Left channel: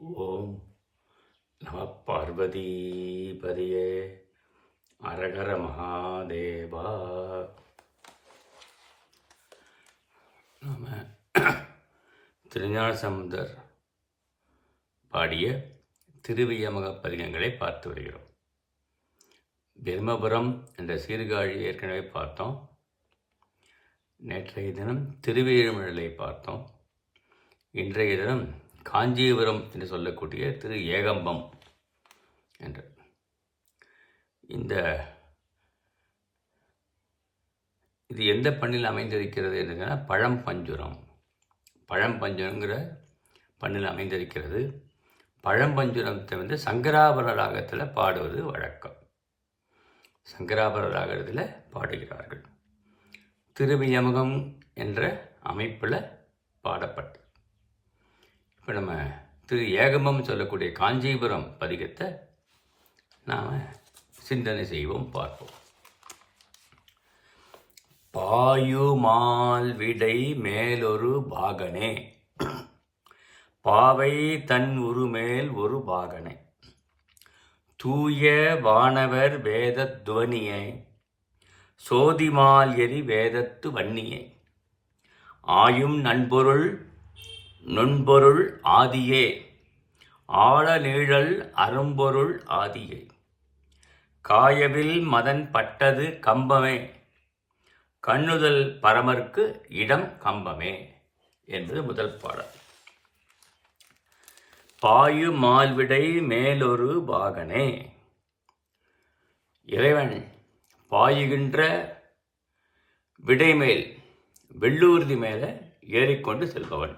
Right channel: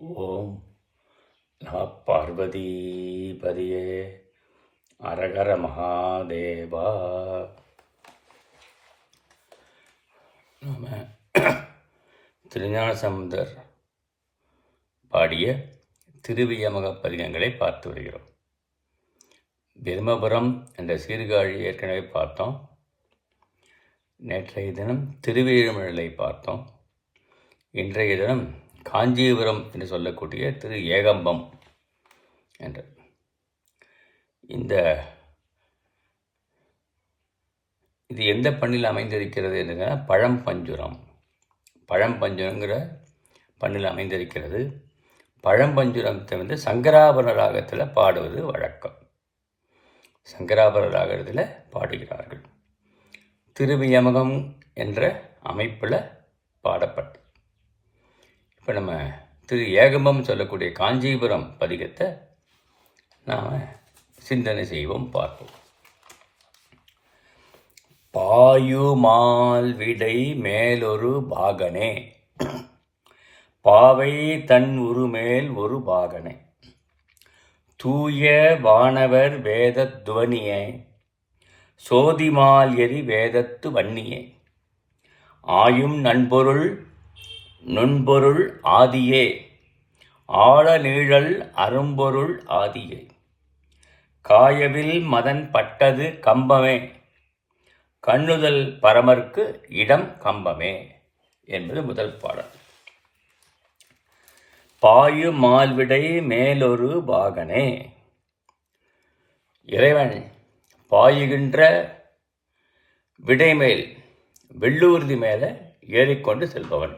ஓம் நம பார்வதிபதியே அரகர மகாதேவா. நம்ம திருஞானசம்பந்தர் பாடிய திருவியமக பதிகங்களை பார்த்து வருகிறோம். பிரம்மபுரம் என்ற சீர்காழி ஏற்கனவே பார்த்தோம். நேற்றைய தினம் திருவேழுமலை பார்த்தோம். இன்றைய தினம் காஞ்சிபுரம் என்று சொல்லக்கூடிய திரு ஏகம்பம் என்ற இது எந்த பண்ணில் அமைந்திருக்கிறது என்றுன்னா பழம்பஞ்சுரம். பழம்பஞ்சுரங்கிற பண்ணில் அமைந்திருக்கிறது. பழம்பஞ்சுரத்தை சங்கராபரண ராகத்தில் பாடுவது வழக்கம். சங்கராபரண ராகத்தில் பாடுகிறார்கள். திருவியமகம் என்ற அமைப்பில் பாடப்பட்டது. இப்போ நம்ம திரு ஏகம்பம் சொல்லக்கூடிய காஞ்சிபுரம் பதிகத்தை நாம் சிந்தனை செய்வோம், பார்ப்போம். பாயுமால் விடை மேலொரு பாகனே, பாவை தன் உருமேல் ஒரு பாகனே, தூய வானவர் வேத துவனியே, சோதிமால் எரி வேதத்து வன்னியே, ஆயும் நண்பொருள் நுண்பொருள் ஆதியே, ஆழ நீழல் அரும்பொருள் ஆதியே, காயவில் மதன் பட்டது கம்பமே, கண்ணுதல் பரமர்க்கு இடம் கம்பமே என்பது முதல் பாடல். பாயு மால்விடை மேலொரு பாகனே, இறைவன் பாயுகின்ற விடைமேல் வெள்ளூர்தி மேலே ஏறிக்கொண்டு செல்பவன்.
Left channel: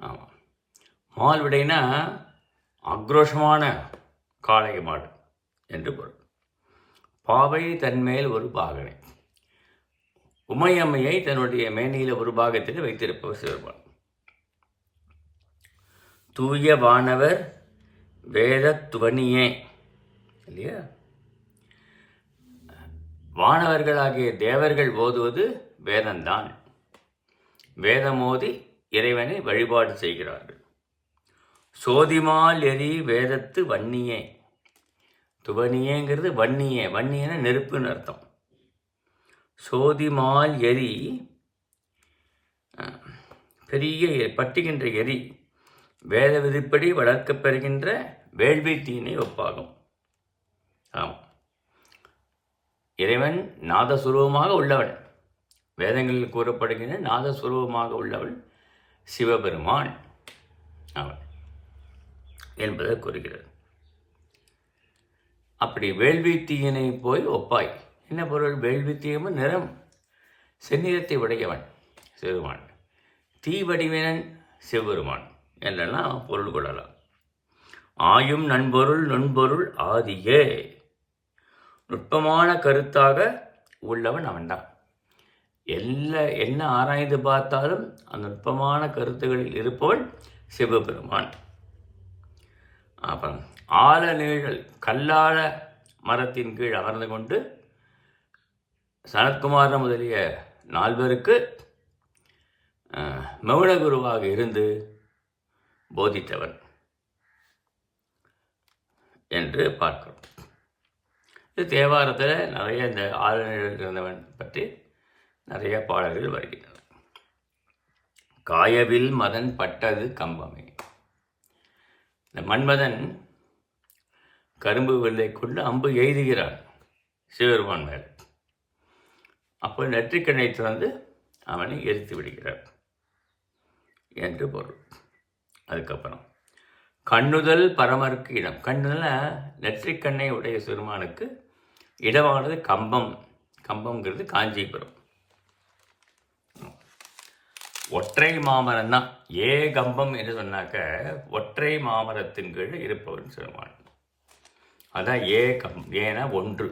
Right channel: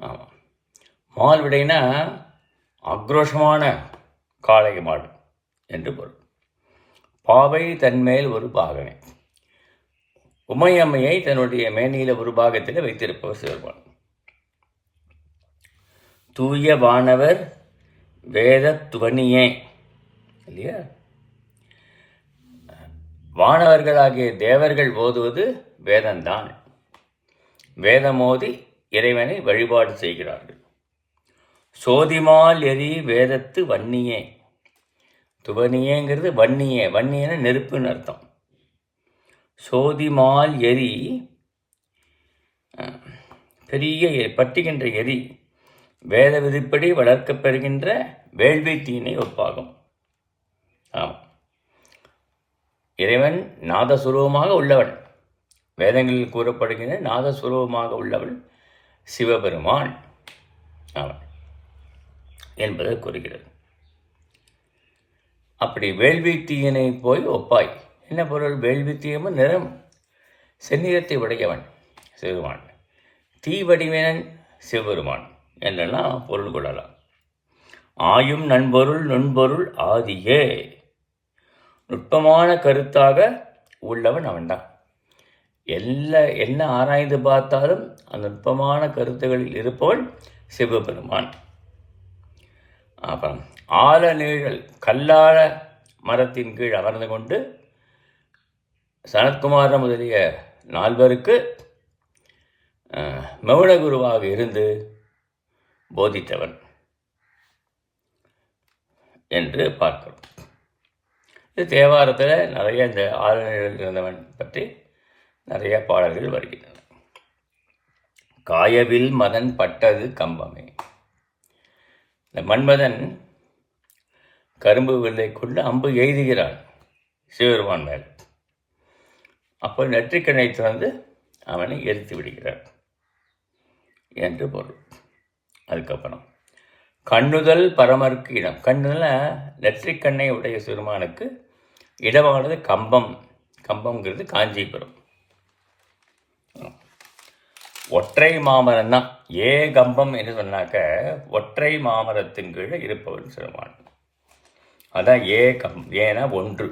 ஆமாம், மால்விடைனா ஆக்ரோஷமான காளை மாடு என்று பொருள். பாவை தன்மேல் ஒரு பாகனை, உமையம்மையை தன்னுடைய மேனியில் ஒரு பாகத்தில் வைத்திருப்பவர் சிவருமான். தூய வானவர் வேத துவனியே, இல்லையா? வானவர்களாகிய தேவர்கள் ஓதுவது வேதம்தான். வேதமோதி இறைவனை வழிபாடு செய்கிறார்கள். சோதிமால் எரி வேதத்து வன்னியே, துவனியேங்கிறது வன்னியே, வன்னியன நெருப்புன்னு அர்த்தம். சோதிமால் எரி பெரிய பட்டுகின்ற எரி, வேத விதிப்படி வளர்க்கப்பெறுகின்ற வேள்வி தீனை ஒப்பாகும். ஆமாம், இறைவன் நாதசுரூபமாக உள்ளவன். வேதங்களில் கூறப்படுகின்ற நாதசுரூபமாக உள்ளவன் சிவபெருமான் அவன் என்பதை கூறுகிறது. அப்படி வேள்வி தீயனை போய் ஒப்பாய். என்ன பொருள்? வேள்வி தீயமும் நிறம் செந்நிறத்தை உடையவன் சிவபெருமான், தீ வடிவனன் சிவபெருமான் என்றெல்லாம் பொருள் கொள்ளலாம். ஆயும் நண்பொருள் நுண்பொருள் ஆதியே, நுட்பமான கருத்தாக உள்ளவன் அவன்தான். என்ன ஆராய்ந்து பார்த்தாலும் அந்த நுட்பமான கருத்துகளில் இருப்பவன் சிவபெருமான். அப்புறம் ஆழ நீழல் கல்லாழ மரத்தின் கீழ் அமர்ந்து கொண்டு சனத்குமார முதலிய 4 மௌனகுருவாக இருந்து போதித்தவன் என்று பார்க்கிறோம். இது தேவாரத்தில் நிறைய இந்த ஆழ நீழல் இருந்தவன் பற்றி நிறைய பாடல்கள் வருகின்றன. காயவில் மதன் பட்டது கம்பமே, இந்த மன்மதன் கரும்பு வில்லை கொண்டு அம்பு எய்துகிறான் சிவபெருமான் மேல். அப்போ நெற்றிக்கண்ணை திறந்து அவனை எரித்து விடுகிறார் என்று பொருள். அதுக்கப்புறம் கண்ணுதல் பரமருக்கு இடம். கண்ணுதல் நெற்றிக்கண்ணை உடைய சிறுமானுக்கு இடமானது கம்பம். கம்பம்ங்கிறது காஞ்சிபுரம். ஒற்றை மாமரம் தான் ஏகம்பம் என்று சொன்னாக்க, ஒற்றை மாமரத்தின் கீழே இருப்பவன் சிறுமான். அதான் ஏனா ஒன்று,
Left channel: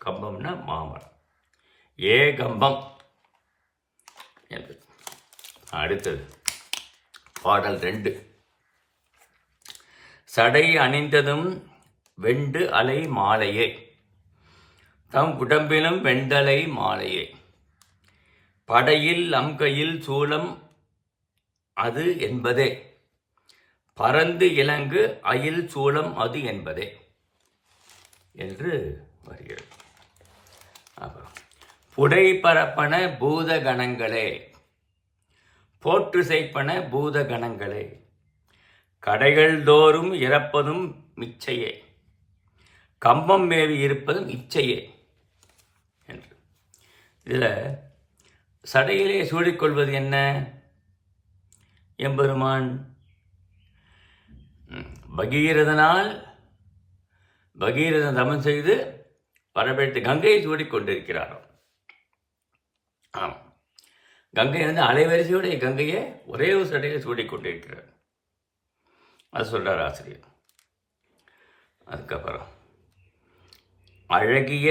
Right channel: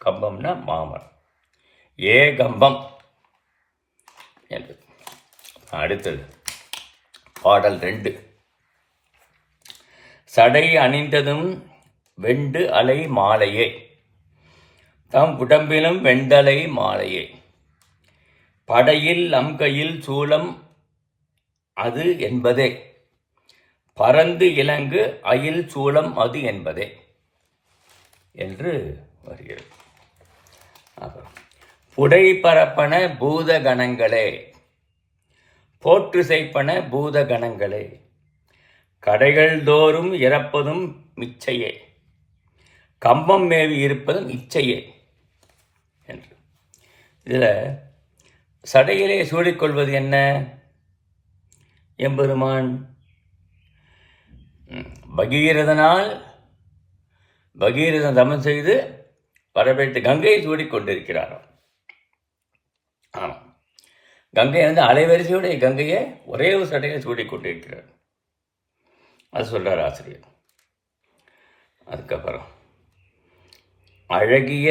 கம்பம்னா மாமரம், ஏகம்பம் என்று. அடுத்தது பாடல் 2. சடை அணிந்ததும் வெண்டு அலை மாலையே, தம் உடம்பிலும் வெண்டலை மாலையே, படையில் அம்கையில் சூலம் அது என்பதே, பரந்து இலங்கு அயில் சூளம் அது என்பதே என்று வருகிறது. அப்புறம் புடை பரப்பன பூத கணங்களே, போற்று செய்ப்பன பூத கணங்களே, கடைகள் தோறும் இறப்பதும் மிச்சையே, கம்பம் மேவி இருப்பதும் இச்சையே என்று. இதில் சடையிலே சூடிக்கொள்வது என்ன? எம்பெருமான் பகீரதனால் பகீரதன் தமம் செய்து வரவழைத்து கங்கையை சூடிக்கொண்டிருக்கிறாராம். ஆமாம், கங்கை அலைவரிசையுடைய கங்கையை ஒரே ஒரு சடையில் சூடிக்கொண்டிருக்கிறார். அது சொல்றார் ஆசிரியர். அதுக்கப்புறம் அழகிய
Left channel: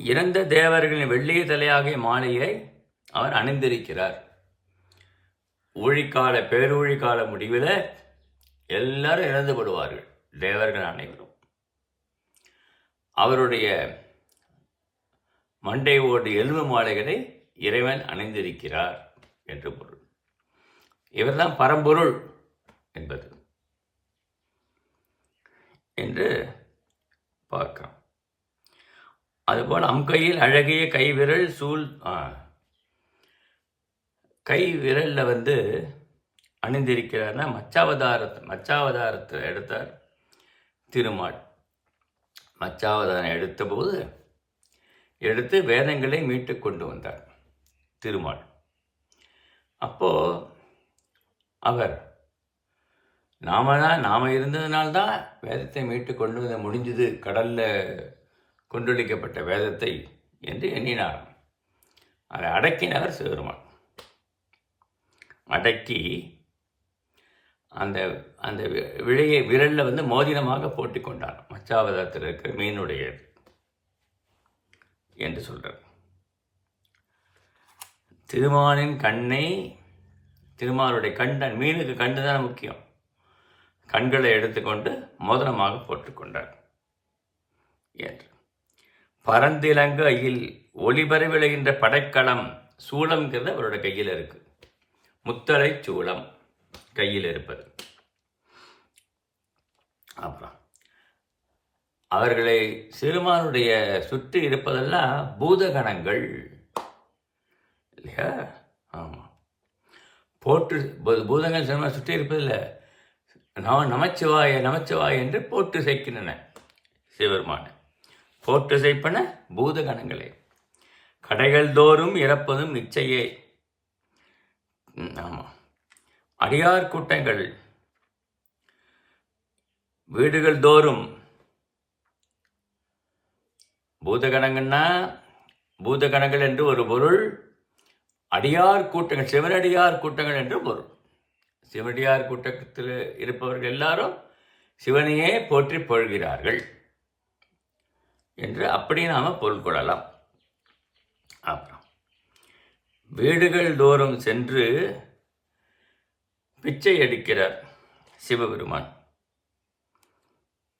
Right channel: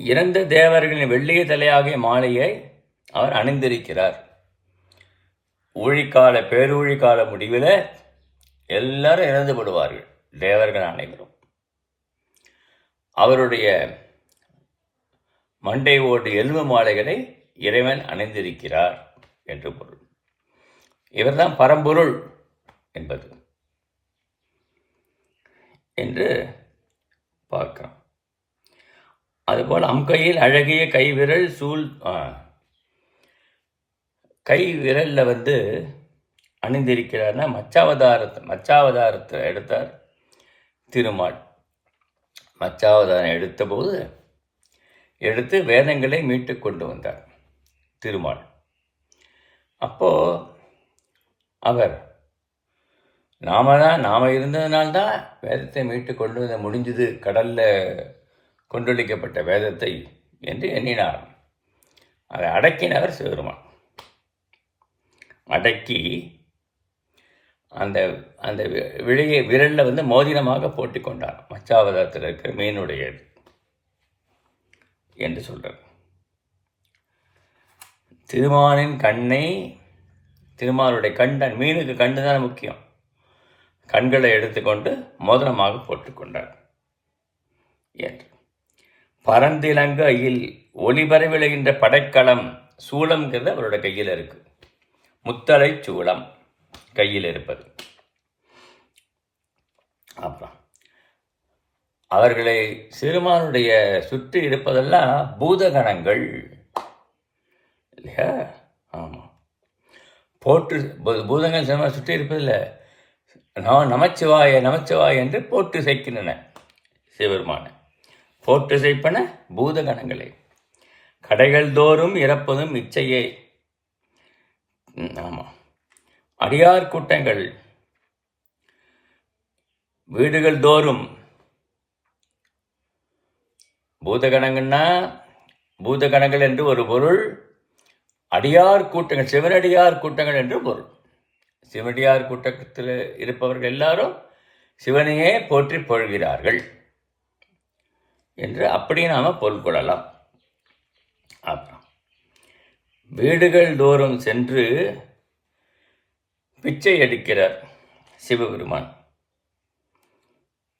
இறந்த தேவர்களின் வெள்ளிய தலையாகிய மாலையை அவர் அணிந்திருக்கிறார். ஊழிக்கால பேரூழிக்கால முடிவில் எல்லாரும் இறந்து விடுவார்கள், தேவர்கள் அனைவரும். அவருடைய மண்டை ஓடு எலும்பு மாலைகளை இறைவன் அணிந்திருக்கிறார் என்று பொருள். இவர்தான் பரம்பொருள் என்பது என்று பார்க்கிறோம். அதுபோல் அம்கையில் அழகிய கை விரல் கை விரலில் அணிந்திருக்கிறார்னா மச்சாவதாரத்தை எடுத்தார் திருமால். மச்சாவதாரம் எடுத்து வேதங்களை மீட்டு கொண்டு வந்தார் திருமால். அப்போது அவர் நாம இருந்ததுனால்தான் வேதத்தை மீட்டு கொண்டு வந்த முடிஞ்சது, கடலில் கொண்டொழிக்கப்பட்ட வேதத்தை என்று எண்ணினாராம். அதை அடக்கினவர் சிவருமான். அடக்கி அந்த அந்த விரலில் மோதிரமாக போட்டி கொண்டார். மச்சாவதாரத்தில் இருக்கிற மீனுடையது என்று சொல்கிறார். திருமாலின் கண்ணை, திருமாலுடைய கண்டன், மீனுக்கு கண்டு தான் முக்கியம், கண்களை எடுத்துக்கொண்டு மோதிரமாக போட்டுக்கொண்டார் என்று. பரந்திலங்கு அயில் ஒளிபர விளைகின்ற படைக்களம் சூளம்ங்கிறது அவருடைய கையில் இருக்கு. முத்தலை சூளம் கையில் இருப்பது. அப்புறம் அவர்களை சிறுமானுடைய சுற்றி இருப்பதெல்லாம் பூதகணங்கள் இல்லையா? ஆமாம், போற்று பூதங்கள் சிறுமான் சுற்றி இருப்பதில்லை, நமச்சிவாய நமச்சிவாய என்று போற்று செய்கின்றன சிவருமான. போற்று செய்ப்பன பூதகணங்களே, கடைகள் தோறும் இறப்பதும் இச்சையே. ஆமாம், அடியார் கூட்டங்கள் வீடுகள் தோறும், பூதகணங்கள்னா பூதகணங்கள் என்று ஒரு பொருள், அடியார் கூட்டங்கள் சிவனடியார் கூட்டங்கள் என்று பொருள். சிவனடியார் கூட்டத்தில் இருப்பவர்கள் எல்லாரும் சிவனையே போற்றி பொழுகிறார்கள் என்று அப்படி நாம் பொருள் கொள்ளலாம். அப்புறம் வீடுகள் தோறும் சென்று பிச்சை எடுக்கிறார் சிவபெருமான்.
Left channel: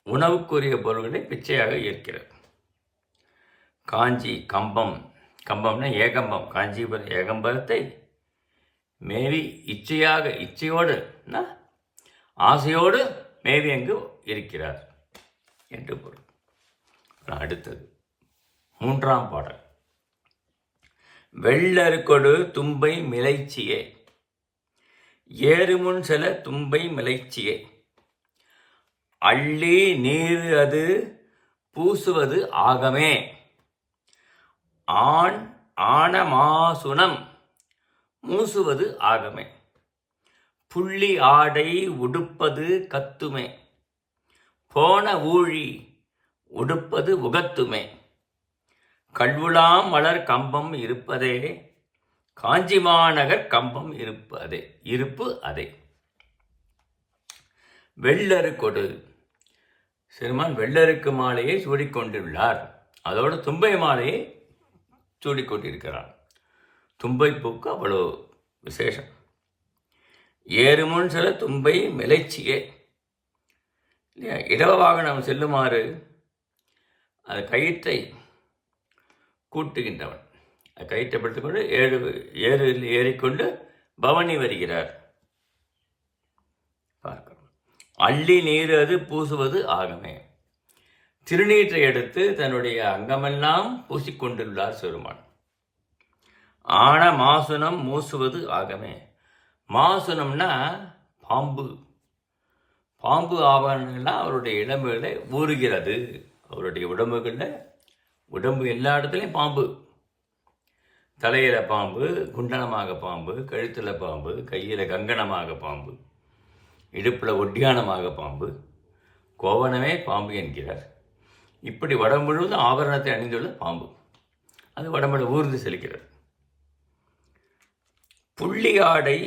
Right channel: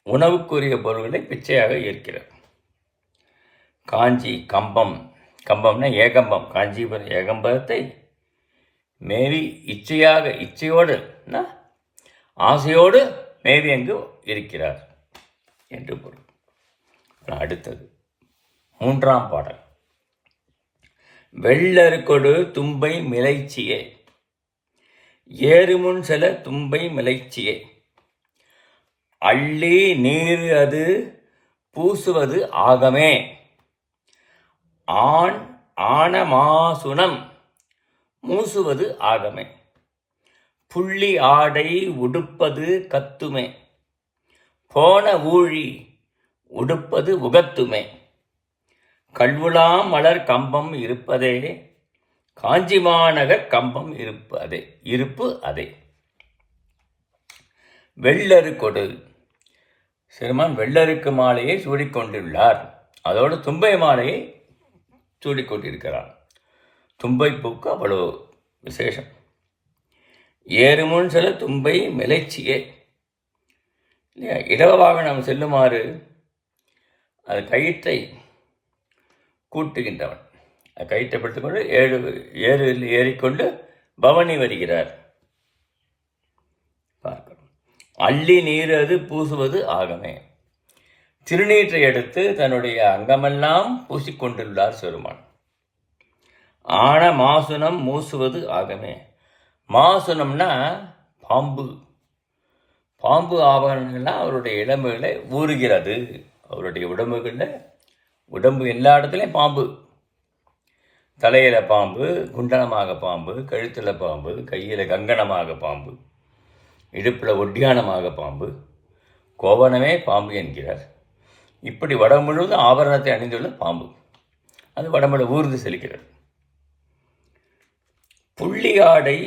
உணவுக்குரிய பொருள்களை பிச்சையாக ஏற்கிறார். காஞ்சி கம்பம்னா ஏகம்பம், காஞ்சிபுரம் ஏகம்பத்தை மேவி இச்சையோடு ஆசையோடு மேவி அங்கு இருக்கிறார் என்று பொருள். அடுத்தது 3ஆம் பாடல். வெள்ளருக்கொடு தும்பை மிளைச்சியே, ஏறுமுன் செல தும்பை மிளைச்சியே, அள்ளி நீர் அது பூசுவது ஆகமே, ஆனமாசுனம் மூசுவது ஆகமே, புள்ளி ஆடை உடுப்பது கத்துமே, போன ஊழி உடுப்பது உகத்துமே, கல்வுலாம் மலர் கம்பம் இருப்பதே, காஞ்சி மாநகர் கம்பம் இருப்பு அதே. வெள்ளருக்கொடு, சிறுமான் வெள்ளருக்கு மாலையை சூடிக்கொண்டுள்ளார். அதோடு தும்பை மாலையை சூடிக்கொண்டிருக்கிறார். தும்பை பூக்கு அவ்வளோ விசேஷம். ஏறுமுன் சில தும்பை மிளைச்சியே இல்லையா? இடவ வாகனம் செல்லுமாறு அது கயிற்றை கூட்டுகின்றவன். கயிற்றை படுத்திக்கொண்டு ஏறிக்கொண்டு பவனி வருகிறார் அள்ளி நீர் அது பூசுவது ஆகமே. திருநீற்றை எடுத்து தன்னுடைய அங்கமெல்லாம் பூசிக்கொண்டுள்ளார் சிறுமான். ஆன மாசுனம் மூசுவது ஆகமே. மாசுனம்னா பாம்பு. பாம்பு ஆபரணங்கள்லாம் அவருடைய இடம்புகளை ஊறுகிறது. அவருடைய உடம்பு எல்லா இடத்துலையும் பாம்பு. தலையில் பாம்பு, குண்டனமாக பாம்பு, கழுத்தில் பாம்பு, கையில் கங்கணமாக பாம்பு, இடுப்பில் ஒட்டியானமாக பாம்பு, கோவணமே பாம்பு என்கிறார். இப்படி உடம்பு முழுவதும் ஆபரணத்தை அணிந்துள்ள பாம்பு. அது உடம்புல ஊர்ந்து செலுக்கிறது. புள்ளி ஆடை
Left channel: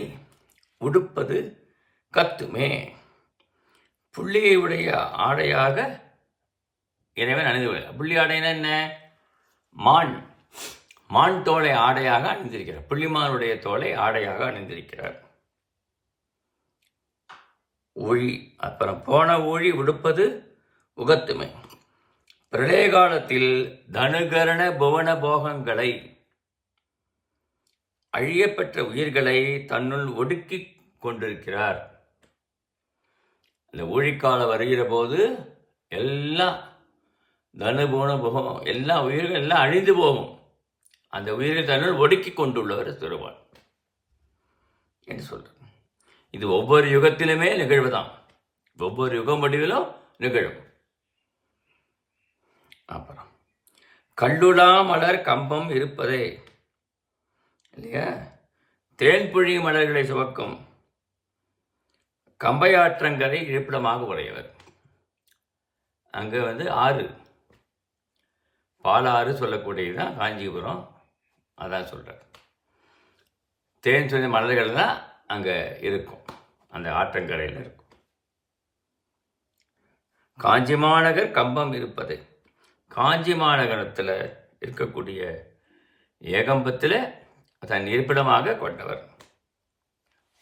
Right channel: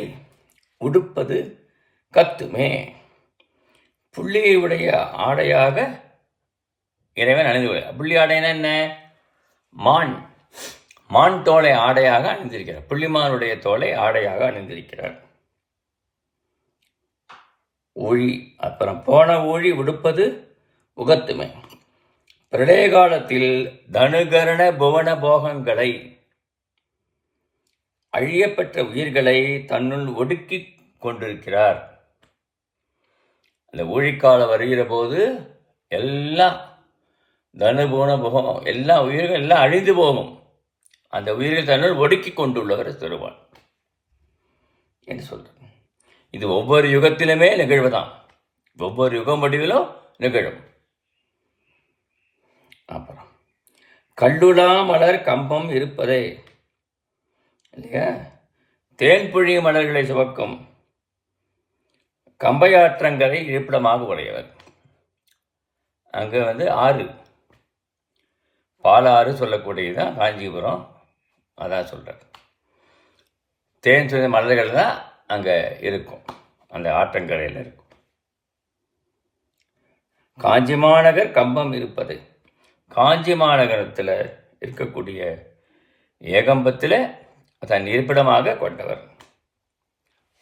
உடுப்பது கத்துமே. புள்ளியை உடைய ஆடையாக இறைவன் அணிந்து. புள்ளி ஆடைன்னா என்ன? மான் தோலை ஆடையாக அணிந்திருக்கிறார். புள்ளிமானுடைய தோலை ஆடையாக அணிந்திருக்கிறார். ஊழி, அப்புறம் போன ஊழி உடுப்பது உகத்துமை. பிரளய காலத்தில் தனுகரண புவன போகங்களை, அழியப்பெற்ற உயிர்களை தன்னுள் ஒடுக்கி கொண்டிருக்கிறார். அந்த ஊழிக்காலம் வருகிற போது எல்லாம் தனுபுவன போகம், எல்லா உயிர்கள் எல்லாம் அழிந்து போகும். அந்த உயிர்கள் தன்னுள் ஒடுக்கி கொண்டுள்ளவர் திருவான் என்று சொல்றார். இது ஒவ்வொரு யுகத்திலுமே நிகழ்வுதான். ஒவ்வொரு யுக முடிவிலும் நிகழும். அப்புறம் கல்லுலா மலர் கம்பம் இருப்பதே இல்லையா? தேன்புழி மலர்களை சுமக்கும் கம்பையாற்றங்களை இருப்பிடமாக உடையவர். அங்கே ஆறு, பாலாறு சொல்லக்கூடியதுதான் காஞ்சிபுரம். அதான் சொல்கிறார். தேன் சுவை மலர்கள் தான் அங்கே இருக்கும், அந்த ஆற்றங்கரையில் இருக்கும். காஞ்சி மாநகர் கம்பம் இருப்பது. காஞ்சி மாநகரத்தில் இருக்கக்கூடிய ஏகம்பத்தில் தன் இருப்பிடமாக கொண்டவர்.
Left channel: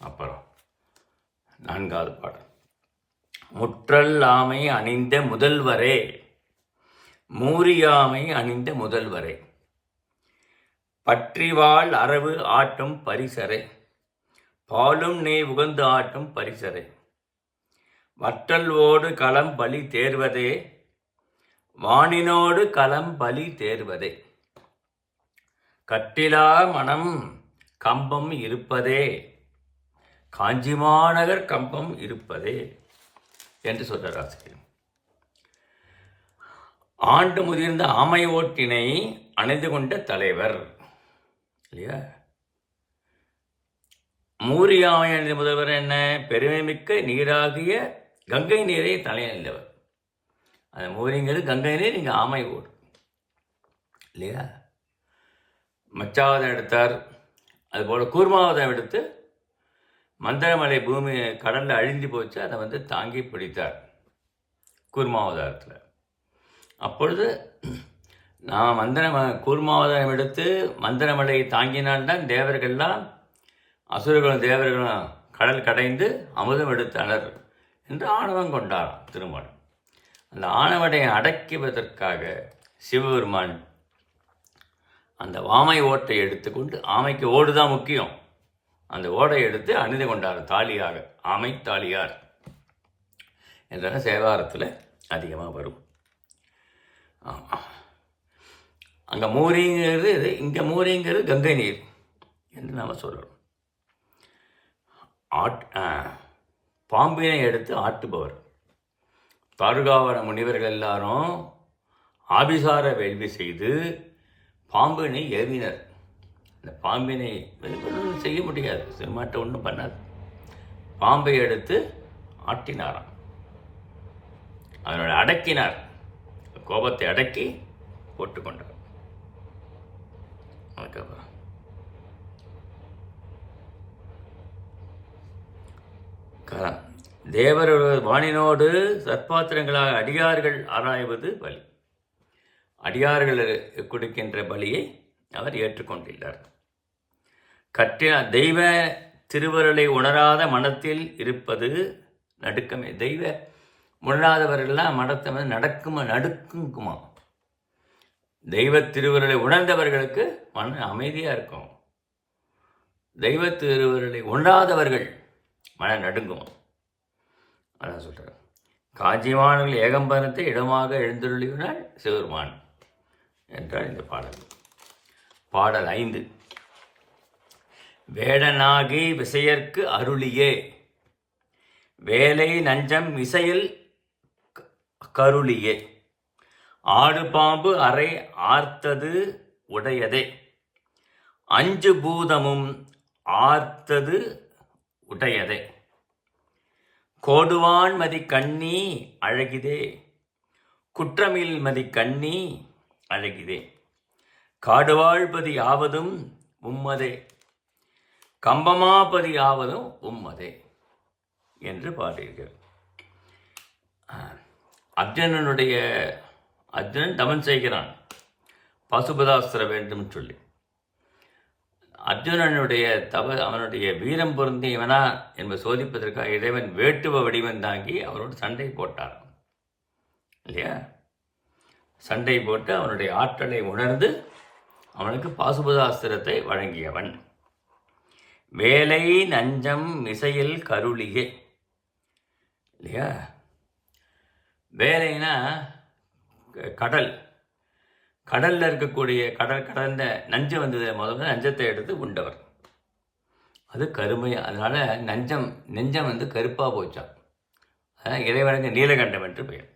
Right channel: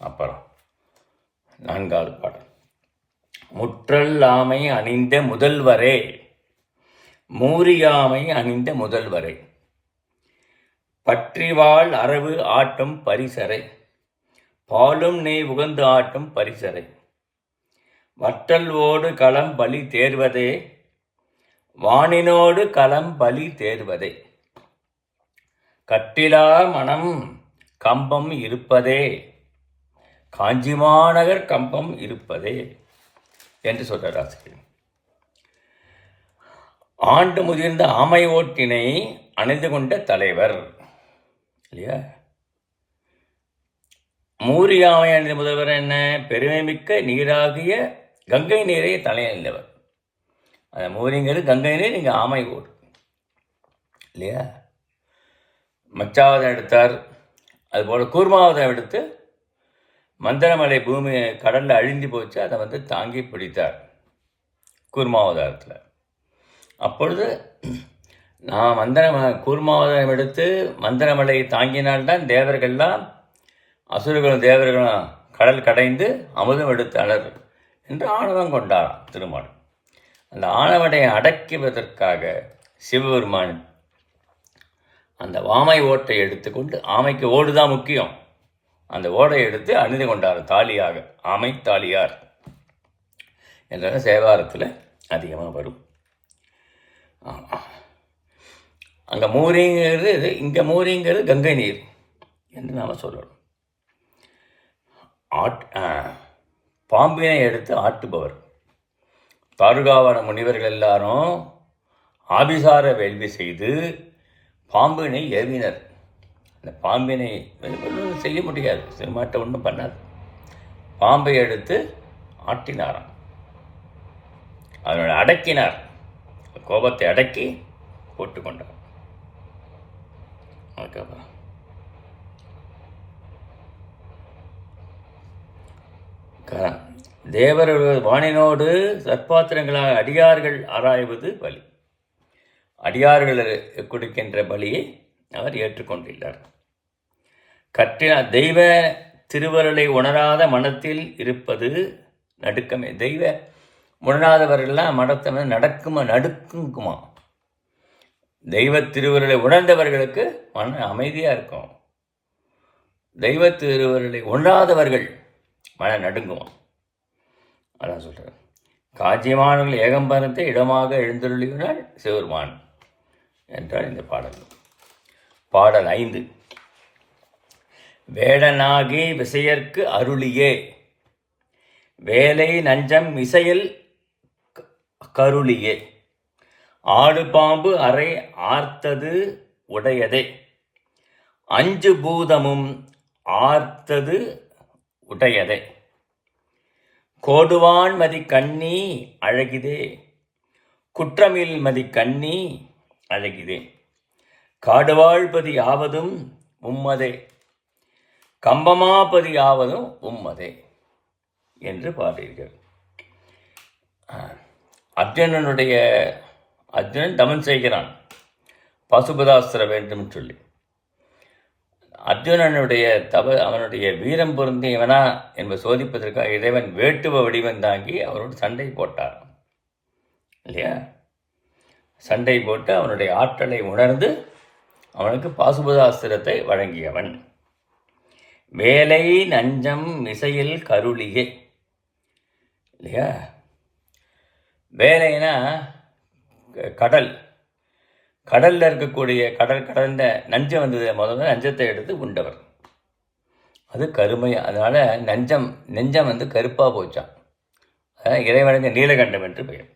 அப்புறம் 4வது பாடல். முற்றல்லாமை அணிந்த முதல்வரே. மூரியாமை அணிந்த முதல்வரே. பற்றிவாள் அரவு ஆட்டும் பரிசரை. பாலும் நெய் உகந்து ஆட்டும் பரிசரை. வற்றல் ஓடு களம் பலி தேர்வதே. வானினோடு களம் பலி தேர்வதே. கட்டிலா மனம் கம்பம் இருப்பதே. காஞ்சி மாநகர் கம்பம் இருப்பதே என்று சொல்றார் ஆசிரியர். ஆண்டு முதிர்ந்த ஆமை ஓட்டினை அணிந்து கொண்ட தலைவர் இல்லையா? மூரியாமை அணிந்த முதல்வர் என்ன? பெருமை மிக்க நீராகிய கங்கை நீரை தலையணிந்தவர். அந்த மூரிங்கிறது கங்கை நீர், இங்கே ஆமை ஓடு இல்லையா? மச்சாவதம் எடுத்தார். அதுபோல் கூர்மாவதம் எடுத்து மந்திரமலை பூமி கடலில் அழிந்து போச்சு, அதை தாங்கி பிடித்தார் கூர்மாவதாரத்தில். அப்பொழுது நான் கூர்மாவதம் எடுத்து மந்திரமலை தாங்கினால்தான் தேவர்கள்லாம், அசுரர்களும் தேவர்களும் கடல் கடைந்து அமுதம் எடுத்தனர் என்று ஆணவம் கொண்டார் திருமால். அந்த ஆணவனை அடக்குவதற்காக சிவபெருமான் அந்த ஆமை ஓட்டை எடுத்துக்கொண்டு, ஆமைக்கு ஓடு தான் முக்கியம், அந்த ஓடை எடுத்து அணிந்து கொண்டார் தாலியாக. ஆமை தாலியார் என்ற சேவாரத்தில் அதிகமாக வரும். அங்கே மூரிங்கிறது இது, இங்கே மூரிங்கிறது கங்கை நீர் என்று நாம் சொல்லணும். பாம்பினை எடுத்து ஆட்டுபவர். தாருகாவன முனிவர்கள் எல்லாரும் ஆபிசார வேள்வி செய்து பாம்பினை ஏவினர். அந்த பாம்பினை ஒன்றும் செய்ய முடியாது, சிறுமாட்டை ஒன்றும் பண்ணாது. பாம்பை எடுத்து ஆட்டினாராம். அதனோட அடக்கினார், கோபத்தை அடக்கி போட்டுக்கொண்டார். அதுக்கப்புறம் தேவர்கள் வானினோடு சற்பாத்திரங்களாக அடியார்கள் ஆராய்வது பலி. அடியார்கள் கொடுக்கின்ற பலியை அவர் ஏற்றுக்கொண்டுள்ளார். தெய்வ திருவருளை உணராத மனத்தில் இருப்பது நடுக்கமே. தெய்வ உணராதவர்கள்லாம் மனத்தை நடுக்குமா. தெய்வ திருவருளை உணர்ந்தவர்களுக்கு மன அமைதியாக இருக்கும். தெய்வ திருவருளை உணராதவர்கள் மன நடுங்குவோம். அதான் சொல்கிறார். காஞ்சிமானவர்கள் ஏகம்பரத்தை இடமாக எழுந்தருளினார் சிவருமான் என்றால் இந்த பாடல். பாடல் 5. வேடனாகி விசையர்க்கு அருளியே வேலை நஞ்சம் இசையில் கருளியே ஆடு பாம்பு அறை ஆர்த்தது உடையதே 5 பூதமும் ஆர்த்தது உடையதே கோடுவான் மதி கண்ணி அழகிதே குற்றமில் மதி கண்ணி அழகிதே காடுவாழ்பதி ஆவதும் உம்மதே கம்பமாபதி ஆவதும் உம்மதே என்று பாடியிருக்கிறார். அர்ஜுனன் தவம் செய்கிறான் பசுபதாஸ்திர வேண்டும் சொல்லி. அர்ஜுனனுடைய அவனுடைய வீரம் பொருந்தியவனா என்பதை சோதிப்பதற்காக இறைவன் வேட்டுவ வடிவம் தாங்கி அவனோடு சண்டை போட்டார் இல்லையா? சண்டை போட்டு அவனுடைய ஆற்றலை உணர்ந்து அவனுக்கு பாசுபதாஸ்திரத்தை வழங்கியவன். வேலை நஞ்சம் இசையில் கருளியே இல்லையா? வேலைனா கடலில் இருக்கக்கூடிய கடந்த நஞ்சம் வந்தது, முதல்ல நஞ்சத்தை எடுத்து உண்டவர். அது கருமையாக, அதனால் நெஞ்சம் வந்து கருப்பாக போச்சான். அதான் இறைவனுக்கு நீலகண்டம் என்று பெயர்.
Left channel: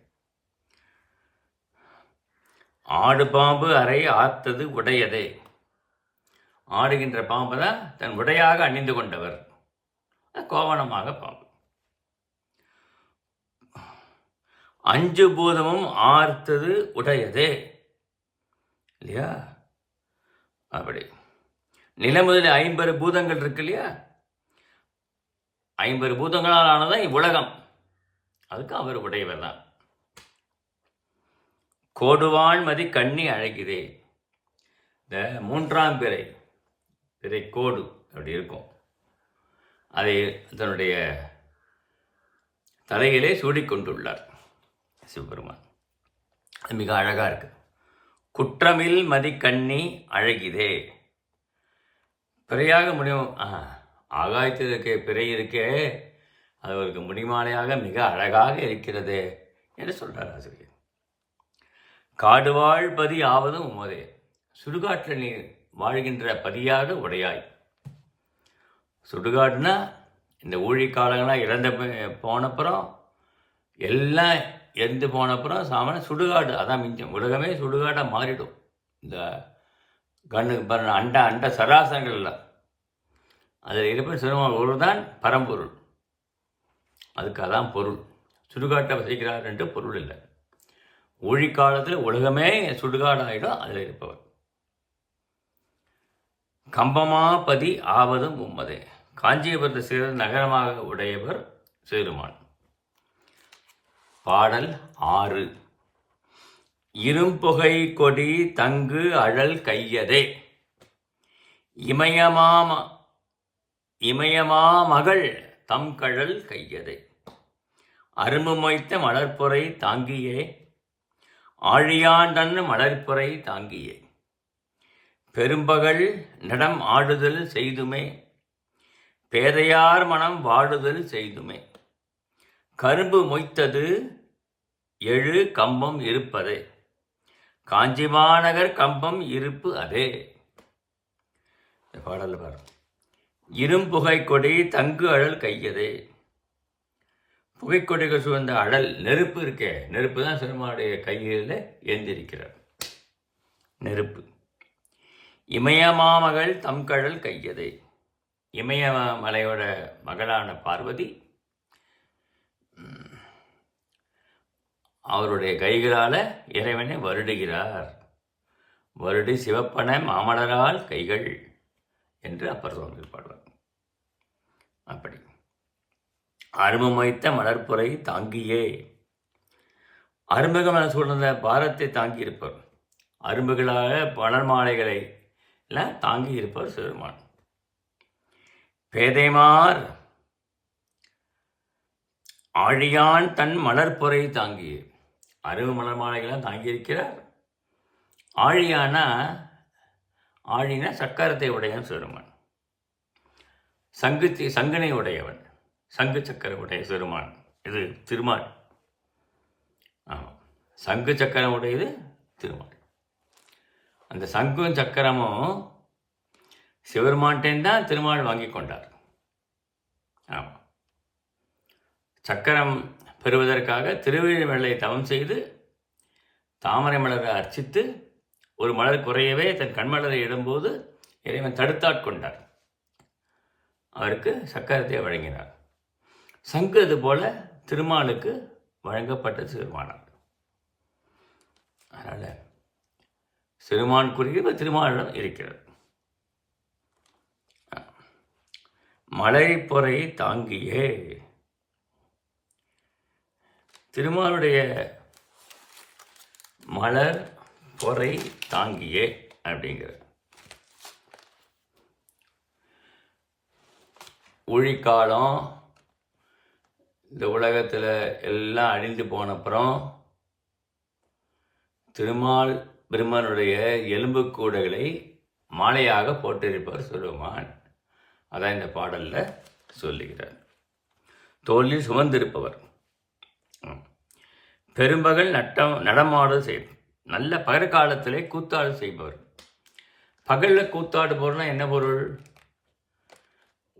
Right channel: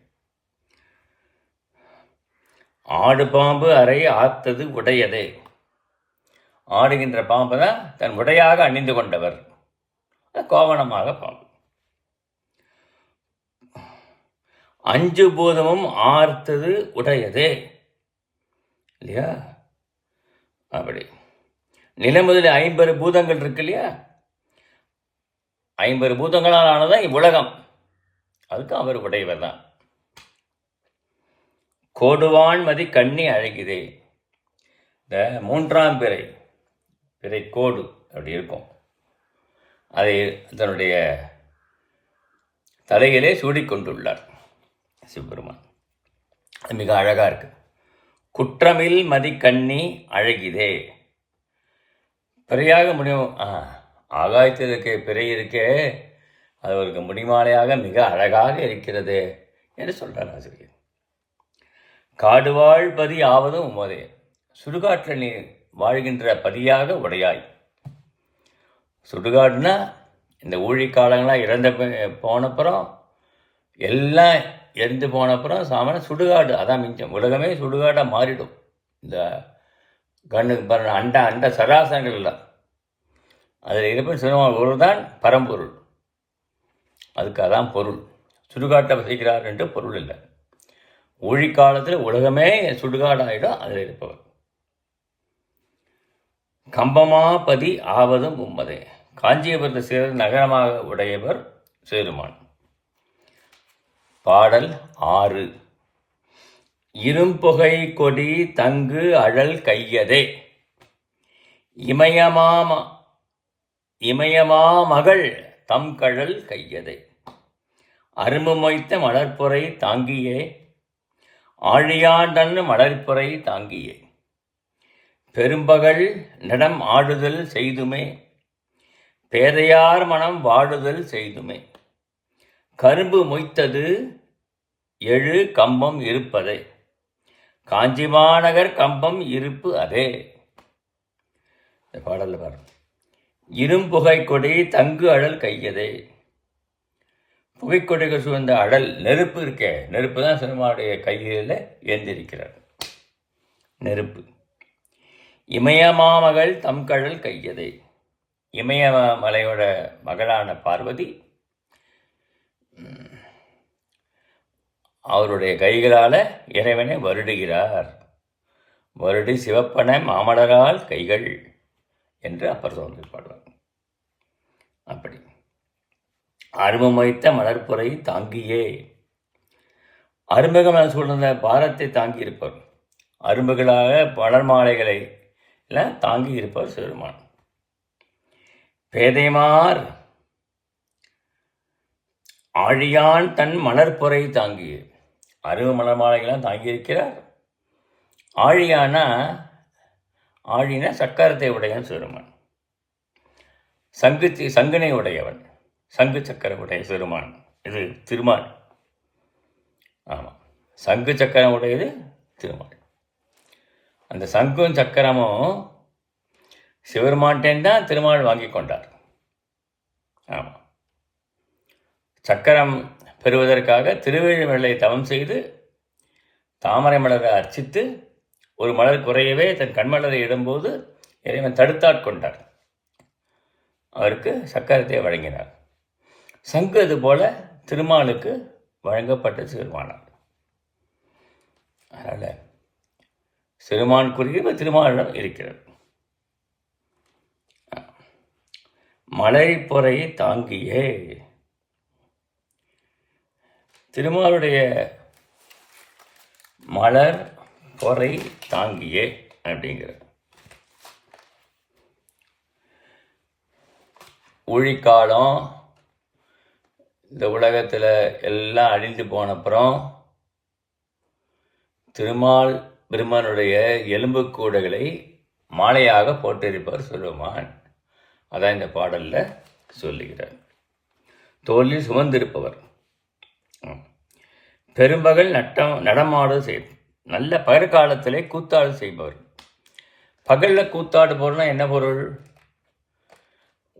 ஆடு பாம்பு அறை ஆர்த்தது உடையதே, ஆடுகின்ற பாம்பு தான் தன் உடையாக அணிந்து கொண்டவர், கோவணமாக பாம்பு. 5 பூதமும் ஆர்த்தது உடையதே இல்லையா? அப்படி நிலமுதலில் 50 பூதங்கள் இருக்கு இல்லையா? 50 பூதங்களால் ஆனதான் இவ்வுலகம், அதுக்கு அவர் உடையவர் தான். கோடுவான் மதி கண்ணி அழகிதே, இந்த 3ஆம் பிறை கோடு அப்படி இருக்கும், அதை தன்னுடைய தலையிலே சூடிக்கொண்டுள்ளார் சிவபெருமான். அது மிக அழகாக இருக்கு. குற்றமில் மதி கண்ணி அழகிதே, பிறையாக முடியும், ஆகாயத்தில் இருக்க பிறை இருக்கே, அது அவருக்கு முடிமாலையாக மிக அழகாக இருக்கிறது என்று சொல்கிறார் ஆசிரியர். காடுவாழ் பதி ஆவதும் உமதே, சுடுகாட்டில் நீ வாழ்கின்ற பதியாக உடையாய். சுடுகாடுனா இந்த ஊழிக்காலங்களாம் இறந்த போனப்புறம் எல்லாம் எரிந்து போனப்புறம் சாமானிய சுடுகாடு அதான் மிஞ்சம். உலகமே சுடுகாடாக மாறிடும். இந்த கண்ணுக்கு பாருங்க, அண்ட சராசரங்கள் எல்லாம் அதில் இருப்பது சிவபெருமான் ஒரு தான் பரம்பொருள், அதுக்கு அதான் பொருள். சுடுகாட்டை வசிக்கிறார் என்று பொருள் இல்லை. ஊழிக்காலத்தில் உலகமே சுடுகாடாயிடும் அதில் இருப்பவர். கம்பமாபதி ஆவதும் உம்மதே, காஞ்சிபுரத்தை சேர்ந்த நகரமாக உடையவர் சேருமான். பாடல் 6. இரும்புகை கொடி தங்கு அழல் கையதே இமயமா மகள் தம் கழல் கையதே அரும்பு மொய்த்த மலர்புரை தாங்கியே ஆழியாண்டன் மலர்புரை தாங்கியே பெரும்பகல் நடம் ஆடுதல் செய்துமே பேதையார் மனம் வாடுதல் செய்துமே கரும்பு மொய்த்தது 7 கம்பம் இருப்பதே காஞ்சி மாநகர் கம்பம் இருப்பு அதே. இந்த பாடலில் பாரு, இரும்புகை கொடி தங்கு அழல் கையதே, புகைக்கொடிகள் சூழ்ந்த அழல் நெருப்பு இருக்கே, நெருப்பு தான் சினிமாவுடைய கையில் ஏந்திருக்கிறார் நெருப்பு. இமயமாமகள் தம் கழல் கையதே, இமயமலையோட மகளான பார்வதி அவருடைய கைகளால் இறைவனை வருடுகிறார். வருடி சிவப்பன மாமலரால் கைகள் என்று அப்பர் சுவாமி பாடுவார். அப்படி அருமமைத்த மலர்புரை தாங்கியே, அரும்பகம் சூழ்ந்த பாரத்தை தாங்கி இருப்பவர், அரும்புகளாக மலர் மாலைகளை எல்லாம் தாங்கி இருப்பவர் சிவருமான். பேதைமார் ஆழியான் தன் மலர்புரை தாங்கிய, அரும்பு மலர் மாலைகள்லாம் தாங்கியிருக்கிறார். ஆழினா சக்கரத்தை உடையவன் சிவருமான், சங்கினை உடையவன், சங்கு சக்கர உடைய சிவருமான் இது திருமால். ஆமாம், சங்கு சக்கரம் உடையது திருமால். அந்த சங்கும் சக்கரமும் சிவருமான்டேன் தான் திருமால் வாங்கி கொண்டார். ஆமாம், சக்கரம் பெறுவதற்காக திருவேழிமலை தவம் செய்து தாமரை மலரை அர்ச்சித்து ஒரு மலர் குறையவே தன் கண்மலரை இடும்போது இறைவன் தடுத்தாட்கொண்டார். அவருக்கு சக்கரத்தை வழங்கினார். சங்கு அதுபோல திருமாலுக்கு வழங்கப்பட்ட சிறுமானார். அதனால் சிறுமான் குறிப்பு திருமாலிடம் இருக்கிறது. மலை பொறை தாங்கியே திருமாலுடைய மலர் பொறை தாங்கியே அப்படிங்கிறது. ஊழிக்காலம் இந்த உலகத்தில் எல்லாம் அழிந்து போனப்புறம் திருமால் பிரம்மனுடைய எலும்புக்கூடைகளை மாலையாக போட்டிருப்பார் சிவபெருமான். அதான் இந்த பாடலில் சொல்லுகிறார். தோளில் சுமந்திருப்பவர், பெரும்பகல் நடமாடு நல்ல பகற்காலத்திலே கூத்தாடு செய்பவர். பகலில் கூத்தாடு போறனா என்ன பொருள்?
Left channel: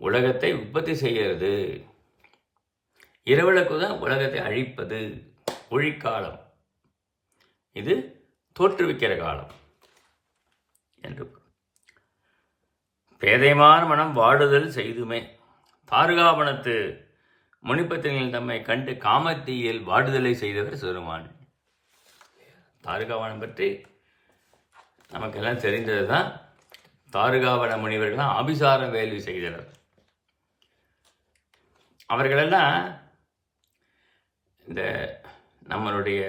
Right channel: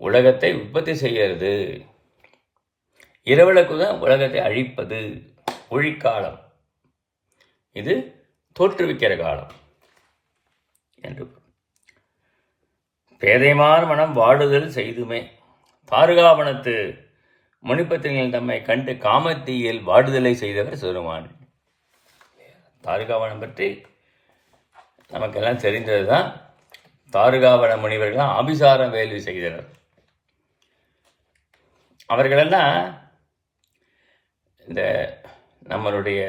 உலகத்தை உற்பத்தி செய்கிறது. இரவுలకు தான் உலகத்தை அழிப்பது. ஒழிக்காலம், இது தோற்றுவிக்கிற காலம் என்று. பேதைமார் மனம் வாடுதல் செய்துமே தாருகாவனத்து முனிப்பத்திரிகள் தம்மை கண்டு காமத்தீயில் வாடுதலை செய்தவர் சிறுமான். தாருகாவனம் பற்றி நமக்கெல்லாம் தெரிந்தது தான். தாருகாவன முனிவர்கள் ஆபிசாரம் வேள்வி செய்தனர். அவர்களெல்லாம் இந்த நம்மளுடைய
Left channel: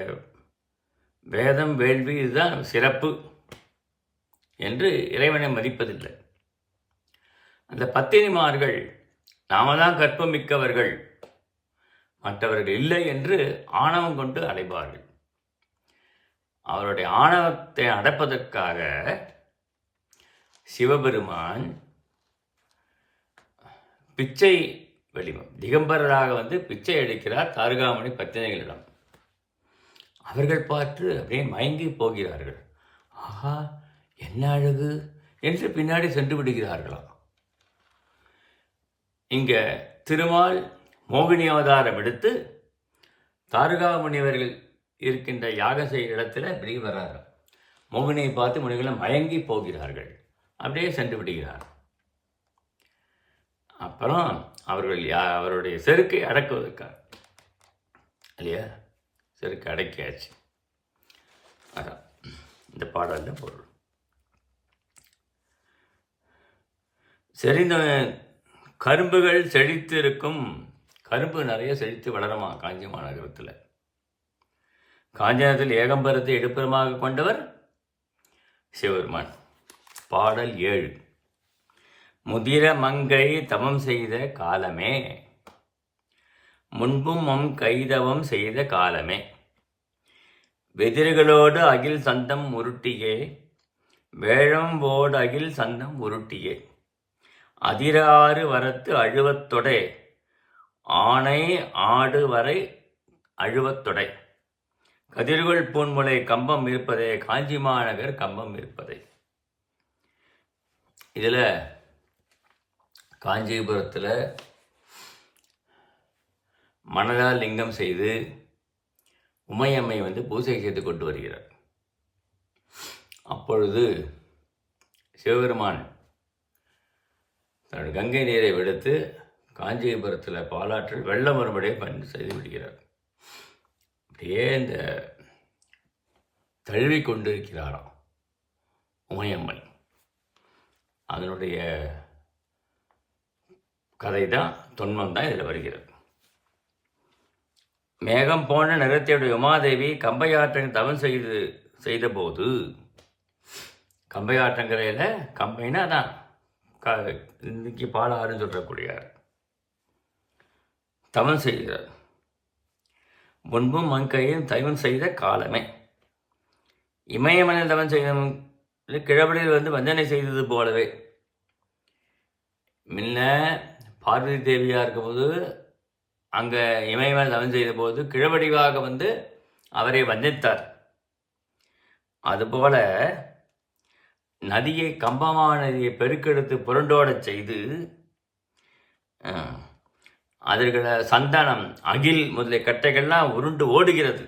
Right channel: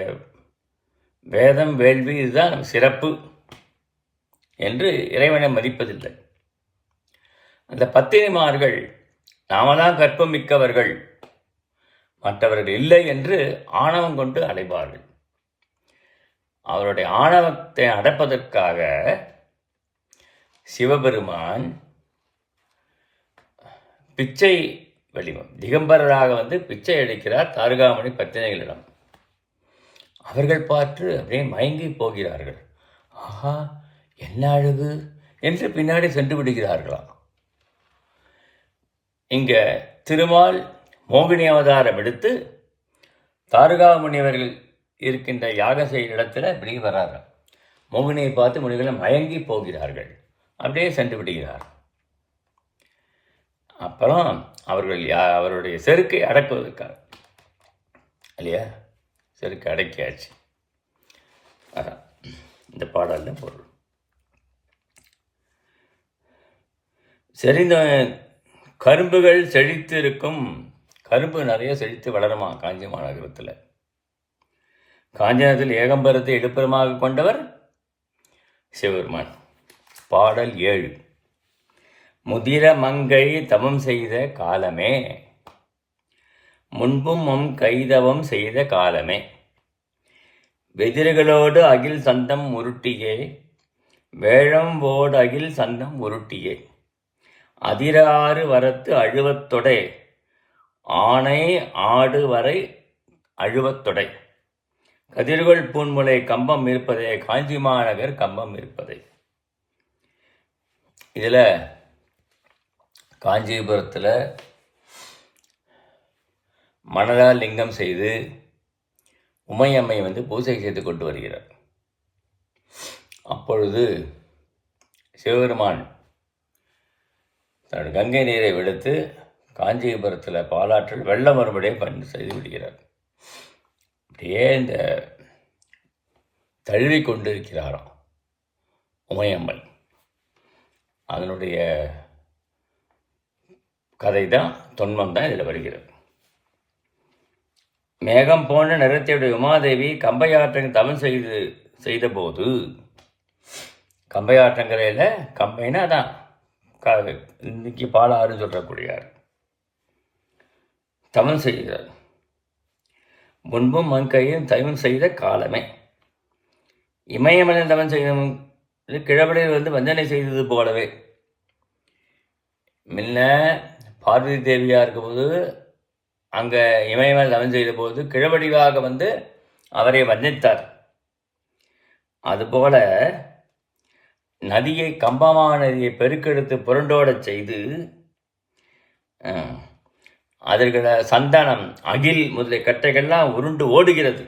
வேதம் வேள்வி இதுதான் சிறப்பு என்று இறைவனை மதிப்பதில்லை. அந்த பத்தினிமார்கள் நாம தான் கற்பம் மிக்கவர்கள், மற்றவர்கள் இல்லை என்று ஆணவம் கொண்டு அலைவார்கள். அவருடைய ஆணவத்தை அடப்பதற்காக சிவபெருமான் பிச்சை வெளிவம் திகம்பரராக வந்து பிச்சை அளிக்கிறார் தாருகாமணி பத்தினிகளிடம். அவர்கள் பார்த்து அப்படியே மயங்கி போகிறார்கள். ஆஹா, என்ன அழகு என்று பின்னாடி சென்று விடுகிறார்களாம். இங்க திருமால் மோகினி அவதாரம் எடுத்து தாருகாமுனிவர்கள் இருக்கின்ற யாக செய்கிற இடத்துல இப்படி வர்றாராம். மோகினியை பார்த்து முனிகளை மயங்கி போகிறார்கள், அப்படியே சென்று விடுகிறார். அப்புறம் அவர்கள் அவருடைய செருக்கை அடக்குவதற்காக இல்லையா, செருக்கை அடக்கியாச்சு. அதான் இந்த பாடலில் பொருள். செறிந்த கரும்புகள் செழித்து இருக்கும். கரும்பு நிறைய செழித்து வளருமா காஞ்சி மாநகரத்தில். காஞ்சினத்தில் ஏகம்பரத்தை எடுப்புறமாக கொண்டவர் சிவபெருமான். பாடல் 7. முதிர மங்கை தவம் செய்த காலமே, முன்பும் கைதவம் செய்த காலமே, வெதிர்களோடு அகில் சந்தம் உருட்டியே, வேழம்போடு அகில் சந்தம் உருட்டியே, அதிராறு வரத்து அழுவத்தொடை, ஆணை ஆடு வரை அழுவத்தொடை, கதிர்கள் பூன்முலை கம்பம் இருப்பதே, காஞ்சி மாநகர் கம்பம் இருப்பதை. இதில் காஞ்சிபுரத்தில் மணலால் லிங்கம் செய்து உமையம்மை வந்து பூஜை செய்து கொண்டு வருகிறார். அப்பொழுது சிவபெருமான் தன் கங்கை நீரை விடுத்து காஞ்சிபுரத்தில் பாலாற்றில் வெள்ளம் மறுபடியே செய்து விடுகிறார். அப்படியே இந்த தழுவி கொண்டிருக்கிறாராம் உமையம்மன். அதனுடைய கதை தான், தொன்மம் தான் இதில் வருகிறது. மேகம் போன்ற நிறத்தையுடைய உமாதேவி கம்பையாற்றங்கள் தவம் செய்தபோது, கம்பையாற்றங்கரையில், கம்பைனா தான் இன்னைக்கு பாலாறு சொல்லக்கூடியார், தவம் செய்கிறார். முன்பும் மங்கையும் தவம் செய்த காலமே, இமயமனில் தவம் செய்த கிழவழியில் வந்து வஞ்சனை செய்தது போலவே. முன்ன பார்வதி தேவியாக இருக்கும்போது அங்கே இமயமலை தவம் செய்த போது கிழவடிவாக வந்து அவரை வந்தித்தார். அதுபோல நதியை, கம்பமான நதியை பெருக்கெடுத்து புரண்டோடச் செய்து அதற்குள்ள சந்தனம், அகில் முதலிய கட்டைகள்லாம் உருண்டு ஓடுகிறது.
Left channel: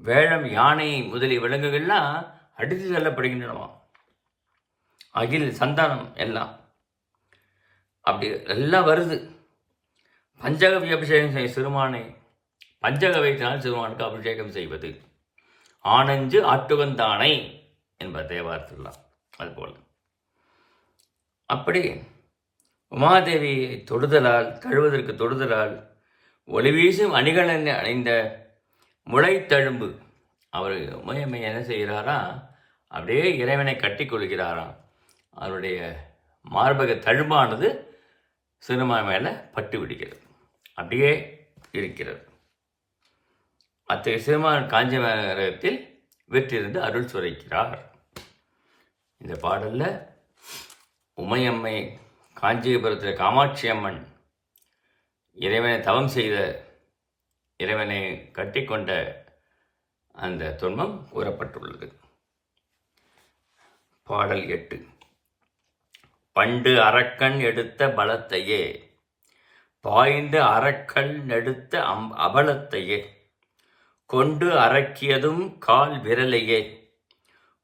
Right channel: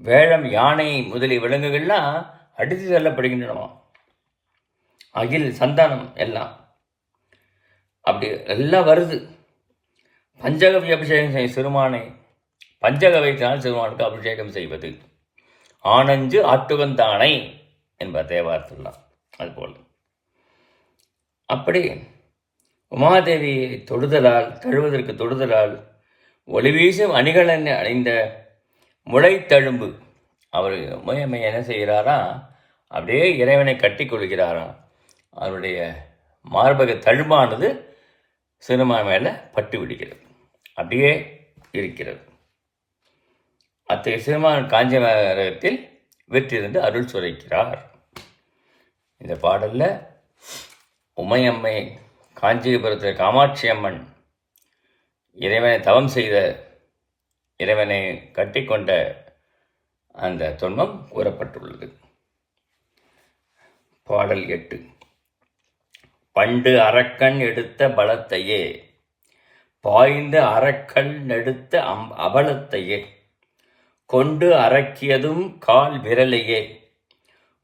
வேழம், யானை முதலிய விலங்குகள்லாம் அடித்து செல்லப்படுகின்றன. அகில், சந்தனம் எல்லாம் அப்படி எல்லாம் வருது. பஞ்சகவி அபிஷேகம் செய்ய சிறுமானை, பஞ்சகவைத்தினால் சிறுமானுக்கு அபிஷேகம் செய்வது. ஆனஞ்சு ஆட்டுவந்தானை என்பார் தேவாரத்துலாம். அதுபோல் அப்படி உமாதேவி தொடுதலால், தழுவதற்கு தொடுதலால் ஒளிவீசும் அணிகளன் அணிந்த முளைத்தழும்பு அவர் உமையம்மை என்ன செய்கிறாராம், அப்படியே இறைவனை கட்டி கொள்கிறாராம். அவருடைய மார்பக தழும்பானது சிறுமான் மேலே பட்டு விடுகிறது, அப்படியே இருக்கிறது. அத்தகைய சிறுமான் காஞ்சிமரத்தில் வெற்றிருந்து அருள் சுரைக்கிறார். இந்த பாடலில் உமையம்மை காஞ்சிபுரத்தில் காமாட்சி அம்மன் இறைவனை தவம் செய்த, இறைவனை கட்டிக்கொண்ட அந்த துன்பம் கூறப்பட்டுள்ளது. பாடல் 8. பண்டு அரக்கன் எடுத்த பலத்தையே, பாய்ந்து அரக்கன் எடுத்த அபலத்தையே, கொண்டு அரக்கியதும் கால் விரலையே,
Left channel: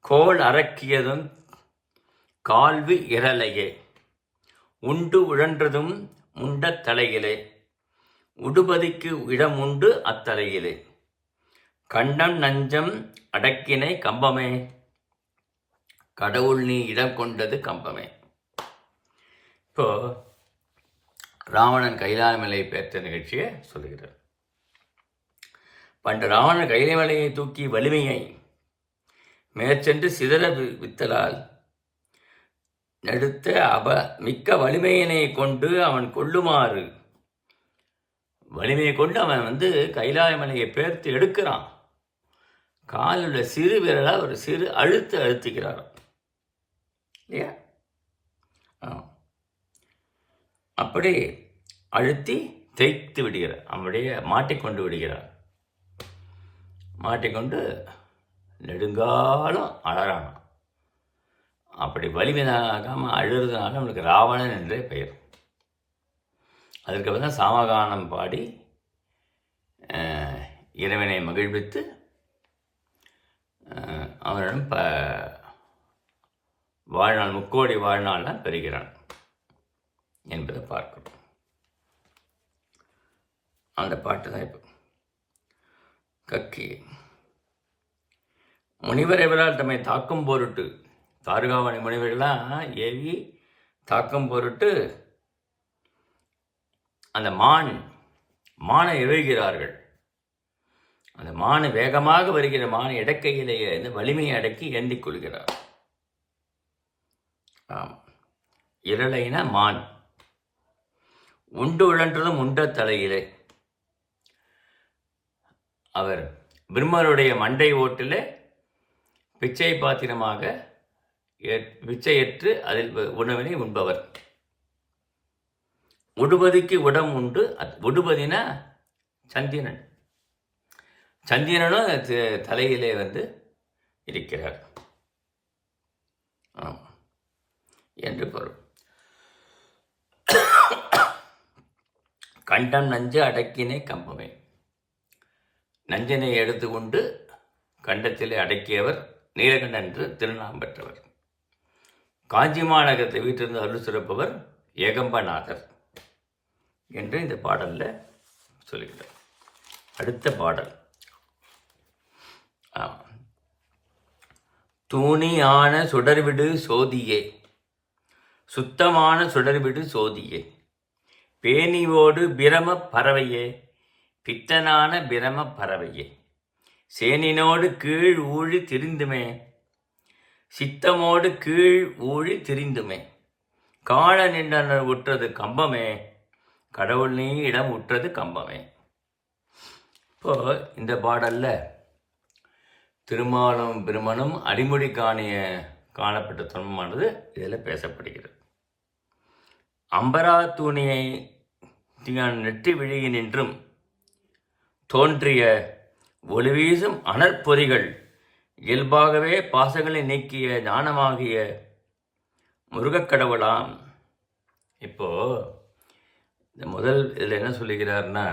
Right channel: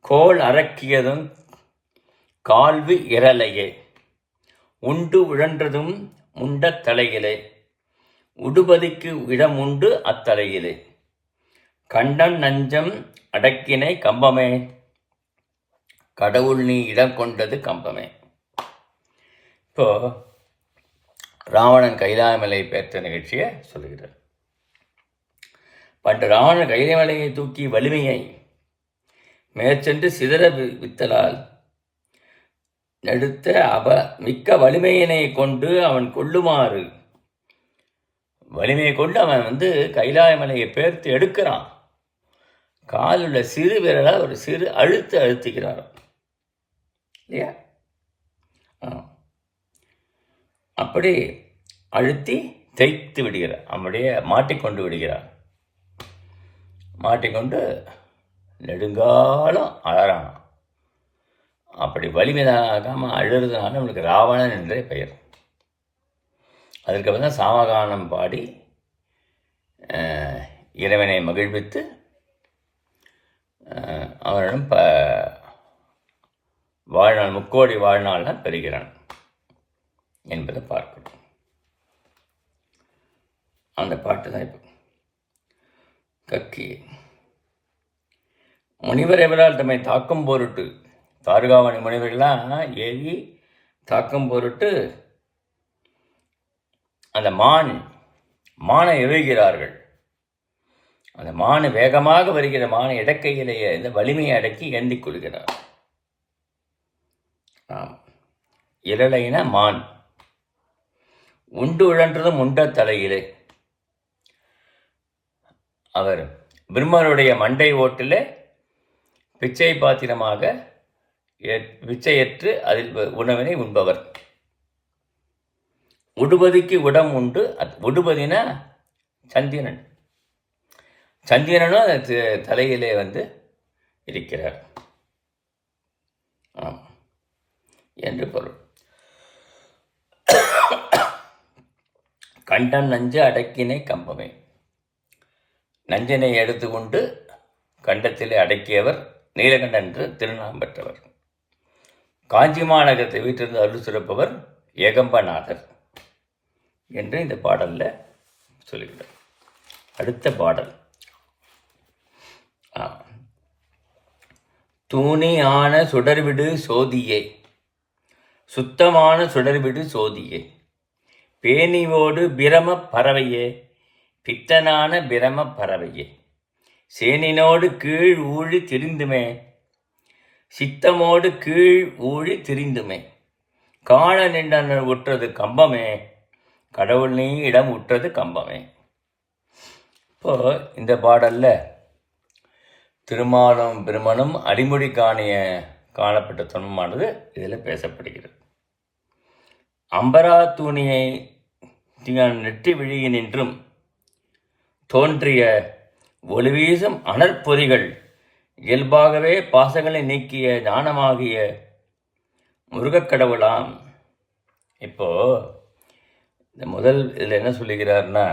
கோல் அரக்கியதும் கால்வி இரலையே, உண்டு உழன்றதும் முண்ட தலையிலே, உடுபதிக்கு இடம் உண்டு அத்தலையிலே, கண்டம் நஞ்சம் அடக்கினை கம்பமே, கடவுள் நீ இடம் கொண்டது கம்பமே. இப்போ ராவணன் கைலாயமலை பெற்ற நிகழ்ச்சியை சொல்லுகிறார். பண்டு ராவணன் கைலாயமலையை தூக்கி வலிமையை மேற்சென்று சிதற வித்தலால் நடுத்த மிக்க வலிமையினை கொண்டு அவன் கொள்ளுமாறு, வலிமையை கொண்டு அவன் வந்து கைலாயமலையை பேர்த்து எடுக்கிறான். காலுள்ள சிறு விரலால் ஒரு சிறு அழுத்துகிறான் இல்லையா? அப்படி அழுத்தி தேய்த்து விடுகிறார், அவனுடைய மாட்டிக்கொண்டு விடுகிறார். மாட்டிக்கொண்டு நெடுங்காலம் அழறான். அப்படி வலிமையாகாமல் அழுறதுனால அவனுக்கு ராவணன் என்றே பெயர். அதற்கப்புறம் தான் சாமகானம் பாடி இறைவனை மகிழ்வித்து அவனிடம் வாழ்நாள், முக்கோடி வாழ்நாள்லாம் பெறுகிறான் என்பதை பார்க்கணும். அந்த பாட்டு தான் இப்போ கக்கி. முனிவர் எவரால் தம்மை தாக்கும் பொருட்டு, தாருகாவணி முனிவர்கள்லாம் ஏறி தாக்கும் பொருட்டு அந்த மானை எழுகிறார்கள். அந்த மான் வேகமாக வருகிற மானை இடக்கையிலேயே இந்த வலிமையை அடக்கி ஏந்திக் கொள்கிறார். இரளைன மான் உண்டு உழன்றதும் உண்ட தலையிலே. அவர் பிரம்மருடைய மண்டை ஓட்டில் பிச்சை பாத்திரமாக பிச்சையற்று அதில் உணவினை உண்பவர். உடுபதிக்கு உடம் உண்டு. உடுபதினா சந்திரன். சந்திரனும் தலையிலே வந்து இருக்கிறார் என்று பொருள். கண்டம் நஞ்சு அடக்கினை கம்பமே. நஞ்சினை எடுத்துக்கொண்டு கண்டத்திலே அடக்கியவர் நீலகண்டன் என்று திருநாம் பெற்றவர். காஞ்சி மாநகரத்தை வீட்டிலிருந்து அருள் சிறப்பவர் ஏகம்பநாதர் என்று இந்த பாடலில் சொல்லுகிறார். அடுத்த பாடல் தூணியான சுடர்விடு சோதியே, சுத்தமான சுடர்விடு சோதியே, பேணிவோடு பிரம பறவையே, பித்தனான பிரம பறவையே, சேனினோடு கீழ் ஊழி திரிந்துமே, சித்தமோடு கீழ் ஊழி திரிந்துமே, காண நின்றனர் உற்றது கம்பமே, கடவுள் நீ இடம் உற்றது கம்பமே. இப்போ இந்த பாடலில் திருமாலும் பிரமனும் அடிமுடி காணப்பட்ட துன்பமானது இதில் பேசப்படுகிறது. அம்பரா தூணியை நெற்றி விழியினின்றும் தோன்றிய ஒளிவீசும் அனற்பொறிகள் இயல்பாகவே பாசங்களை நீக்கிய ஞானமாகிய முருகக்கடவுளாம். இப்போ இந்த முதல் இதில் என்ன சொல்லுகிறார்னா,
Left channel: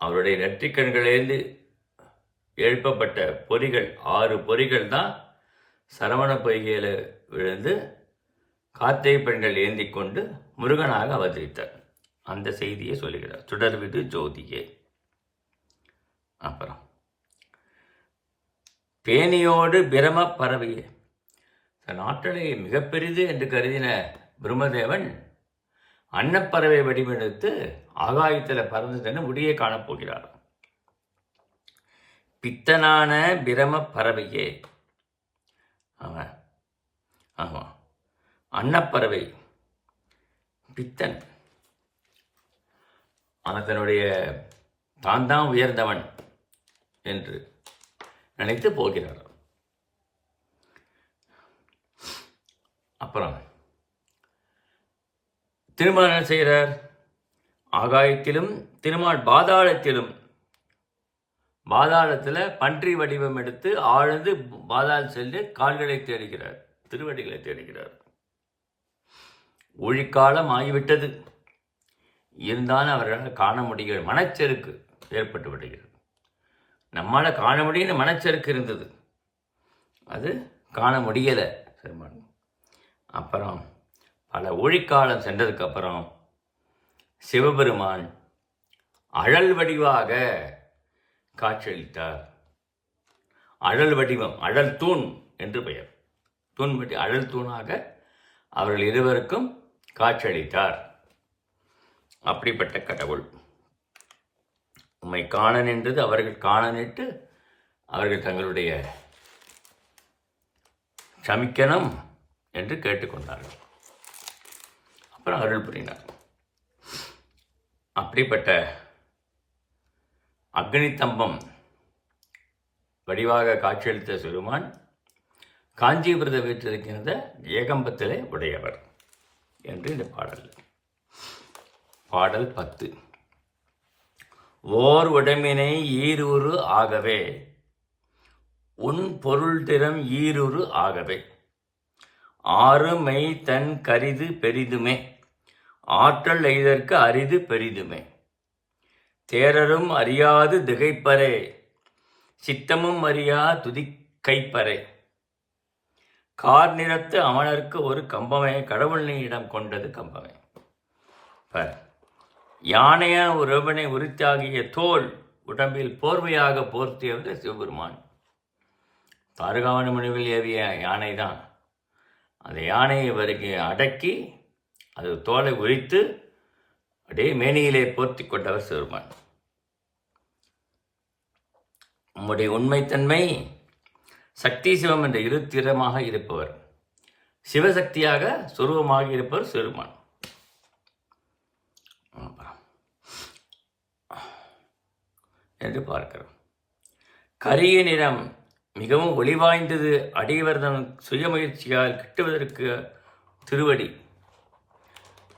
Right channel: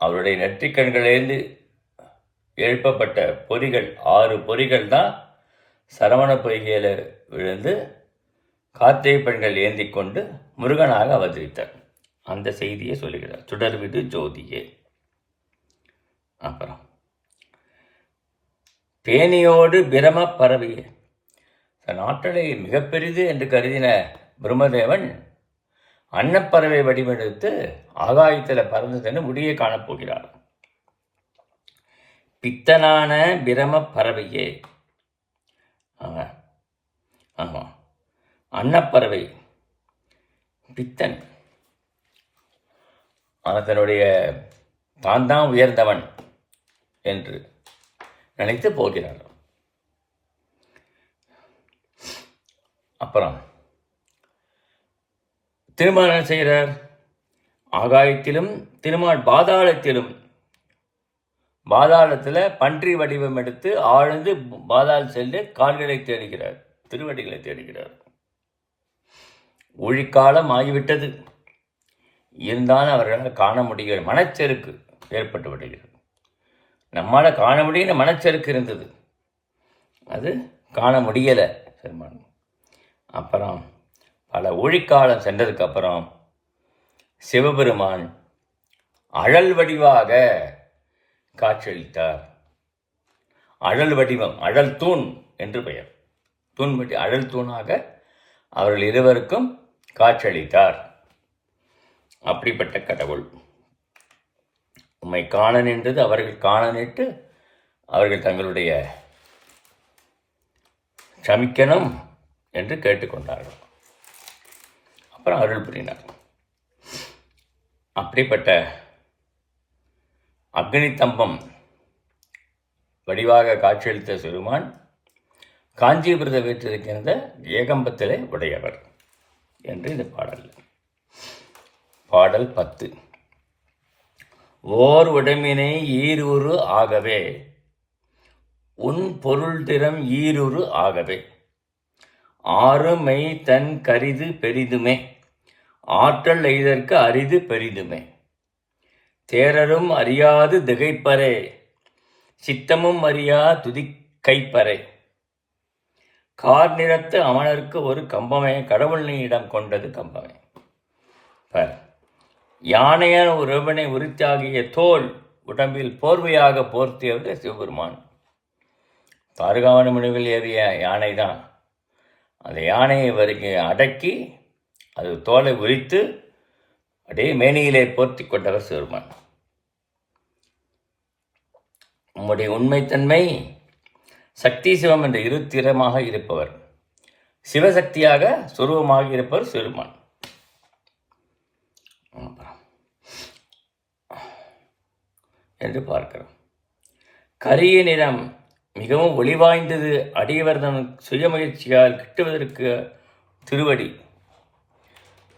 அவருடைய நெற்றிக்கண்களிலிருந்து எழுப்பப்பட்ட பொறிகள் 6 பொறிகள் தான் சரவண பொய்கையில் விழுந்து கார்த்திகை பெண்கள் ஏந்தி கொண்டு முருகனாக அவதரித்தார். அந்த செய்தியை சொல்லுகிறார். சுடர்விடு ஜோதியே. அப்புறம் பேணியோடு பிரம பரவிய தன் ஆற்றலை மிகப்பெரிது என்று கருதின பிரம்மதேவன் அன்னப்பறவை வடிவெடுத்து ஆகாயத்தில் பறந்து சென்று முடியை காணப்போகிறார். பித்தனான பிரம பறவையே. ஆமாம், அன்னப்பறவை பித்தன் அதனுடைய தான் தான் உயர்ந்தவன் என்று நினைத்து போகிறார். அப்புறம் திருமால் என்ன செய்கிறார்? ஆகாயத்திலும் திருமால் பாதாளத்தில் பன்றி வடிவம் எடுத்து ஆழ்ந்து பாதாளம் சென்று கால்களை தேடுகிறார், திருவடிகளை தேடுகிறார். ஊழிக்காலம் ஆகிவிட்டது, இருந்தாலும் அவர்களால் காண முடிகிறது. மனச்செருக்கு ஏற்பட்டு விடுகிறது. நம்மளால் காண முடியுற மனச்செருக்கு இருந்தது, அது காண முடியலை பெருமான். அப்புறம் பல ஊழிக்காலம் சென்றதுக்கப்புறம் சிவபெருமான் அழல் வடிவாக காட்சியளித்தார். அழல் வடிவம், அழல் தூண் என்று பெயர். தூண் வடி அழல் தூணாக அவர்கள் இருவருக்கும் காட்சியளித்தார். அப்படிப்பட்ட கடவுள் உம்மை காண நின்றது அவர்கள் காண நின்று அவர்கள் தங்களுடைய சமிக்கணும் என்று கேட்டுக்கொண்டார்கள். அப்புறம் அருள் புரிந்தார். அப்படிப்பட்ட அக்னி தம்பம் வடிவாக காட்சியளித்த சிறுமான் காஞ்சிபுரத்தை வீட்டிருக்கின்ற ஏகம்பத்திலே உடையவர் என்று இந்த பாடல். பாடல் 10. ஓர் உடம்பினை ஈருரு ஆகவே உன் பொருள் திறம் ஈருரு ஆகவே ஆறுமை தன் கரிது பெரிதுமே ஆற்றல் எய்தற்கு அரிது பெரிதுமே தேரரும் அறியாது திகைப்பரே சித்தமும் அறியா துதிக்கைப்பரே கார் நிறத்து அமனருக்கு ஒரு கம்பமே கடவுள் நீ இடம் கொண்டது கம்பமே. யானையான ஒருவனை உரித்தாகிய தோல் உடம்பில் போர்வையாக போர்த்தியவர் சிவபெருமான். தாருகாவன முனிவில் ஏவிய யானை தான். அந்த யானையை வருகை அடக்கி அது தோலை உரித்து அப்படியே மேனியிலே போர்த்தி கொண்டவர் சிவபெருமான். உம்முடைய உண்மைத்தன்மை சக்தி சிவம் என்ற இரு திறமாக இருப்பவர், சிவசக்தியாக சுரூபமாக இருப்பவர் சிவபெருமான். என்று பார்க்கிறோம். கரிய நிறம் மிகவும் ஒளிவாய்ந்தது அடியவர்தம் சுயமுயற்சியால் கிட்டுவதற்கு திருவடி.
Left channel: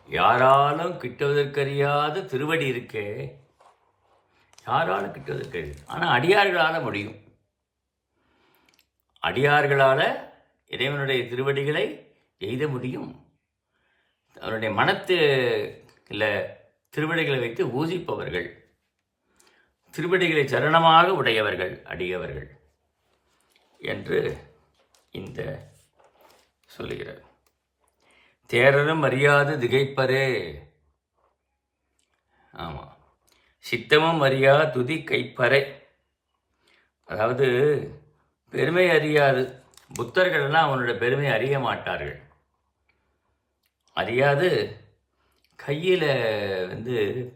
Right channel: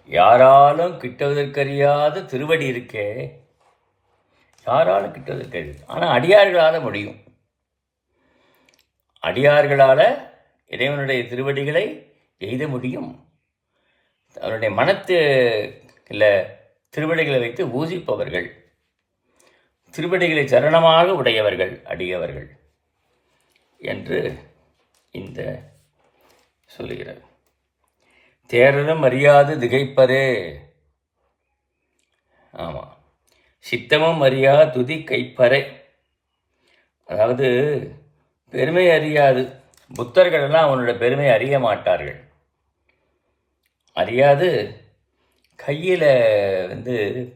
யாராலும் கிட்டுவதற்கறியாத திருவடி இருக்கே, யாராலும் கிட்டுவதற்கறியாது. ஆனால் அடியார்களால் முடியும். அடியார்களால் இறைவனுடைய திருவடிகளை எய்த முடியும். அவருடைய மனத்து இல்லை திருவடிகளை வைத்து ஊசிப்பவர்கள், திருவடிகளை சரணமாக உடையவர்கள் அடியவர்கள் என்று இந்த சொல்லுகிறார். தேரரும் அறியாது திகைப்பரே. ஆமாம், சித்தமும் அறியா துதி கைப்பறை. அதாவது பெருமை அறியாது புத்தர்களெல்லாம் அவனோட பெருமை அறிய மாட்டார்கள். அறியாது கையில்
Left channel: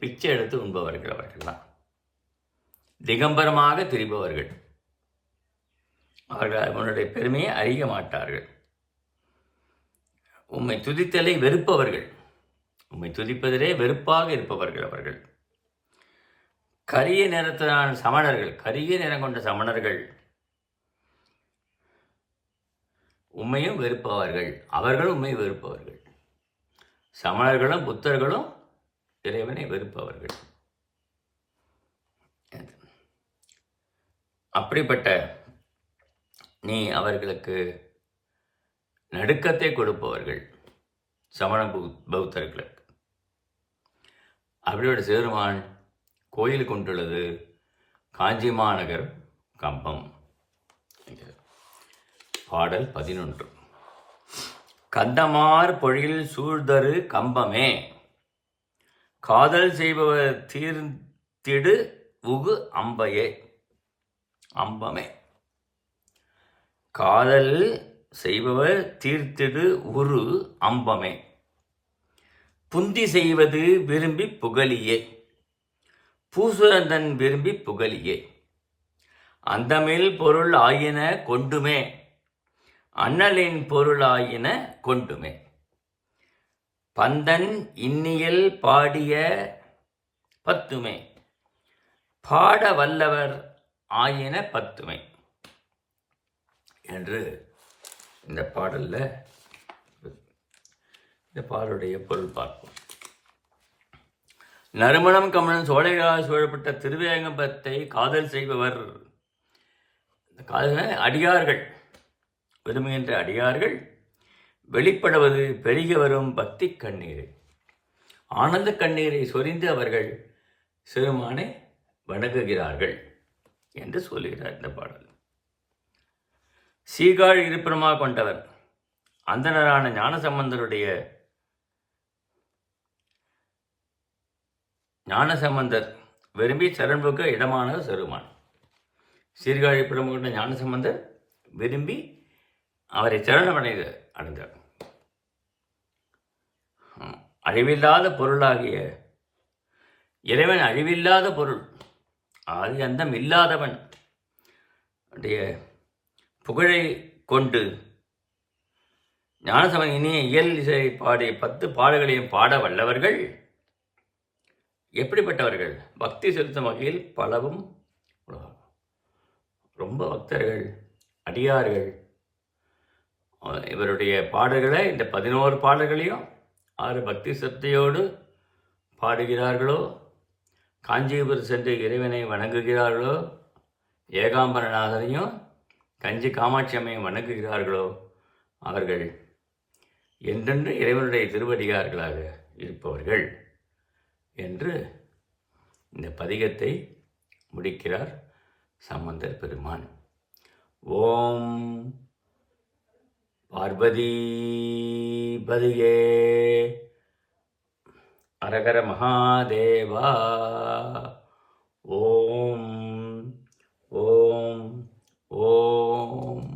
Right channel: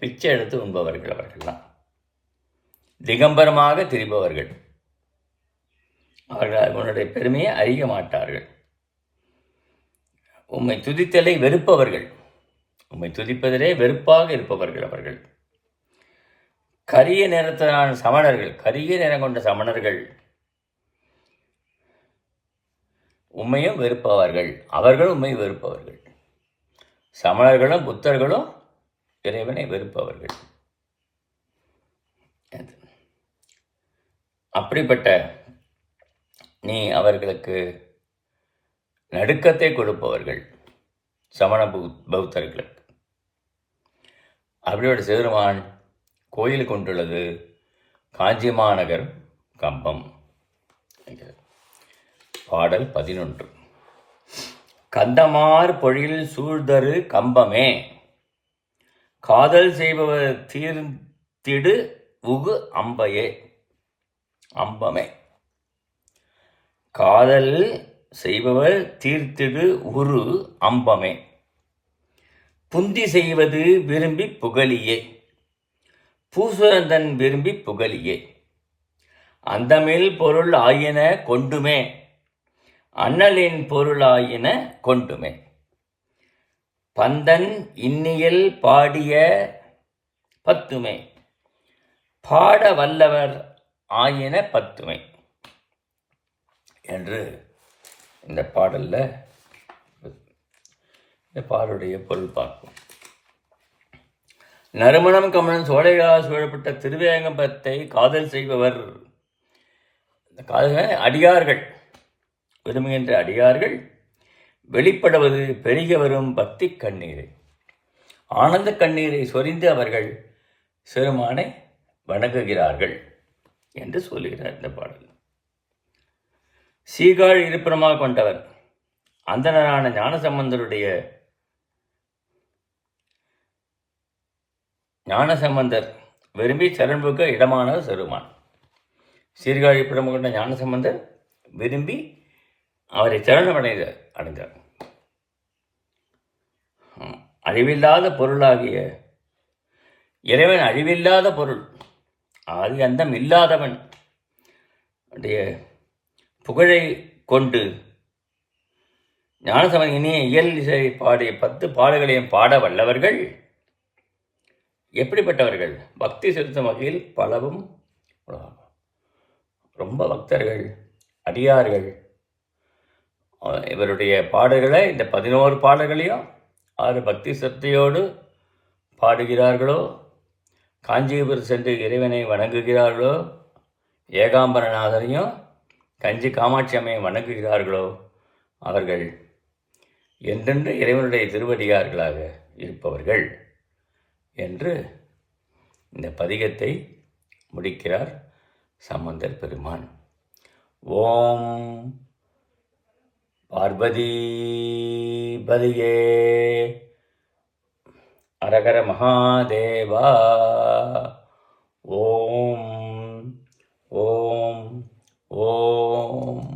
பிச்சை எடுத்து உண்பவர்கள் அவர்கள்லாம். திகம்பரமாக திரிபவர்கள் அவர்கள் அவனுடைய பெருமையை அறிய மாட்டார்கள். உம்மை துதித்தலை வெறுப்பவர்கள், உம்மை துதிப்பதிலே வெறுப்பாக இருப்பவர்கள் அவர்கள். கரிய நிறத்திலான சமணர்கள், கரிய நிறம் கொண்ட சமணர்கள் உம்மையும் வெறுப்பவர்கள், அவர்கள் உம்மை வெறுப்பவர்கள். சமணர்களும் புத்தர்களும் இறைவனை வெறுப்பவர்கள். அப்படிப்பட்ட நீ அவர்களுக்கு நடுக்கத்தை கொடுப்பவர்கள் சமண பௌத்தர்களுக்கு. அப்படியோட சிவருமான் கோயில் கொண்டுள்ளது காஞ்சி மாநகர் கம்பம். பாடல் 11. கந்தமார் பொழில் சூழ்தரு கம்பமே, காதல் செய்பவர் தீர்த்திடு உகு அம்பையே. அம்பமே, காதல் செய்பவர் தீர்த்திடு உரு அம்பமே, புந்தி செய்வது விரும்பி புகழியே, பூசுரந்தன் விரும்பி புகழியே. அந்தமில் பொருள் ஆயின கொண்டுமே, அண்ணலின் பொருள் ஆயின கொண்டுமே. பந்தன் இன்னியல் பாடிய பத்துமே, பாட வல்லவர் ஆயின பத்துமே என்று இந்த பாடலில் இந்த பாடலுடைய பொருள் பார்ப்போம். நறுமணம் கமலன் சோழைகளால் சூழப்பட்ட திருவேங்கம்பத்தை காதல் செய்பவர், காதல் அடியார்கள், விரும்புகின்ற அடியார்கள் வெளிப்படுவது பெருகி வரும் பக்தி கண்ணீரை, ஆனந்த கண்ணீரை சொரிந்து அவர்கள் சிறுமானை வணங்குகிறார்கள் என்று சொல்லுகிறார் இந்த பாடல். சீகாழ் இருப்பிடமாக கொண்டவர் அந்தணரான ஞானசம்பந்தர் விரும்பி சரண்புக்க இடமானவர் சிறுமான். சீர்காழி இருப்பிடமாக கொண்ட ஞானசம்பந்தர் விரும்பி அவரை அடைந்தார். அழிவில்லாத பொருளாகிய இறைவன் அழிவில்லாத பொருள், ஆதி அந்தம் இல்லாதவன் உடைய புகழை கொண்டு ஞானசம்பந்தன் இனிய இயல் இசை பாடிய 10 பாடல்களையும் பாட வல்லவர்கள் எப்படிப்பட்டவர்கள்? பக்தி செலுத்தும் வகையில் பலவும் ரொம்ப பக்தர்கள், அடியார்கள். இவருடைய பாடல்களை இந்த 11 பாடல்களையும் 6 பக்தி சக்தியோடு பாடுகிறார்களோ, காஞ்சிபுரம் சென்று இறைவனை வணங்குகிறார்களோ, ஏகாம்பரநாதனையும் கஞ்சி காமாட்சி அம்மையை வணங்குகிறார்களோ, அவர்கள் என்றென்று இறைவனுடைய திருவடியார்களாக இருப்பவர்கள் என்று இந்த பதிகத்தை முடிக்கிறார் சம்பந்தர் பெருமான். ஓம் பார்வதி பதியே அரகர மகாதேவா. ஓம் ஓம் ஓம்.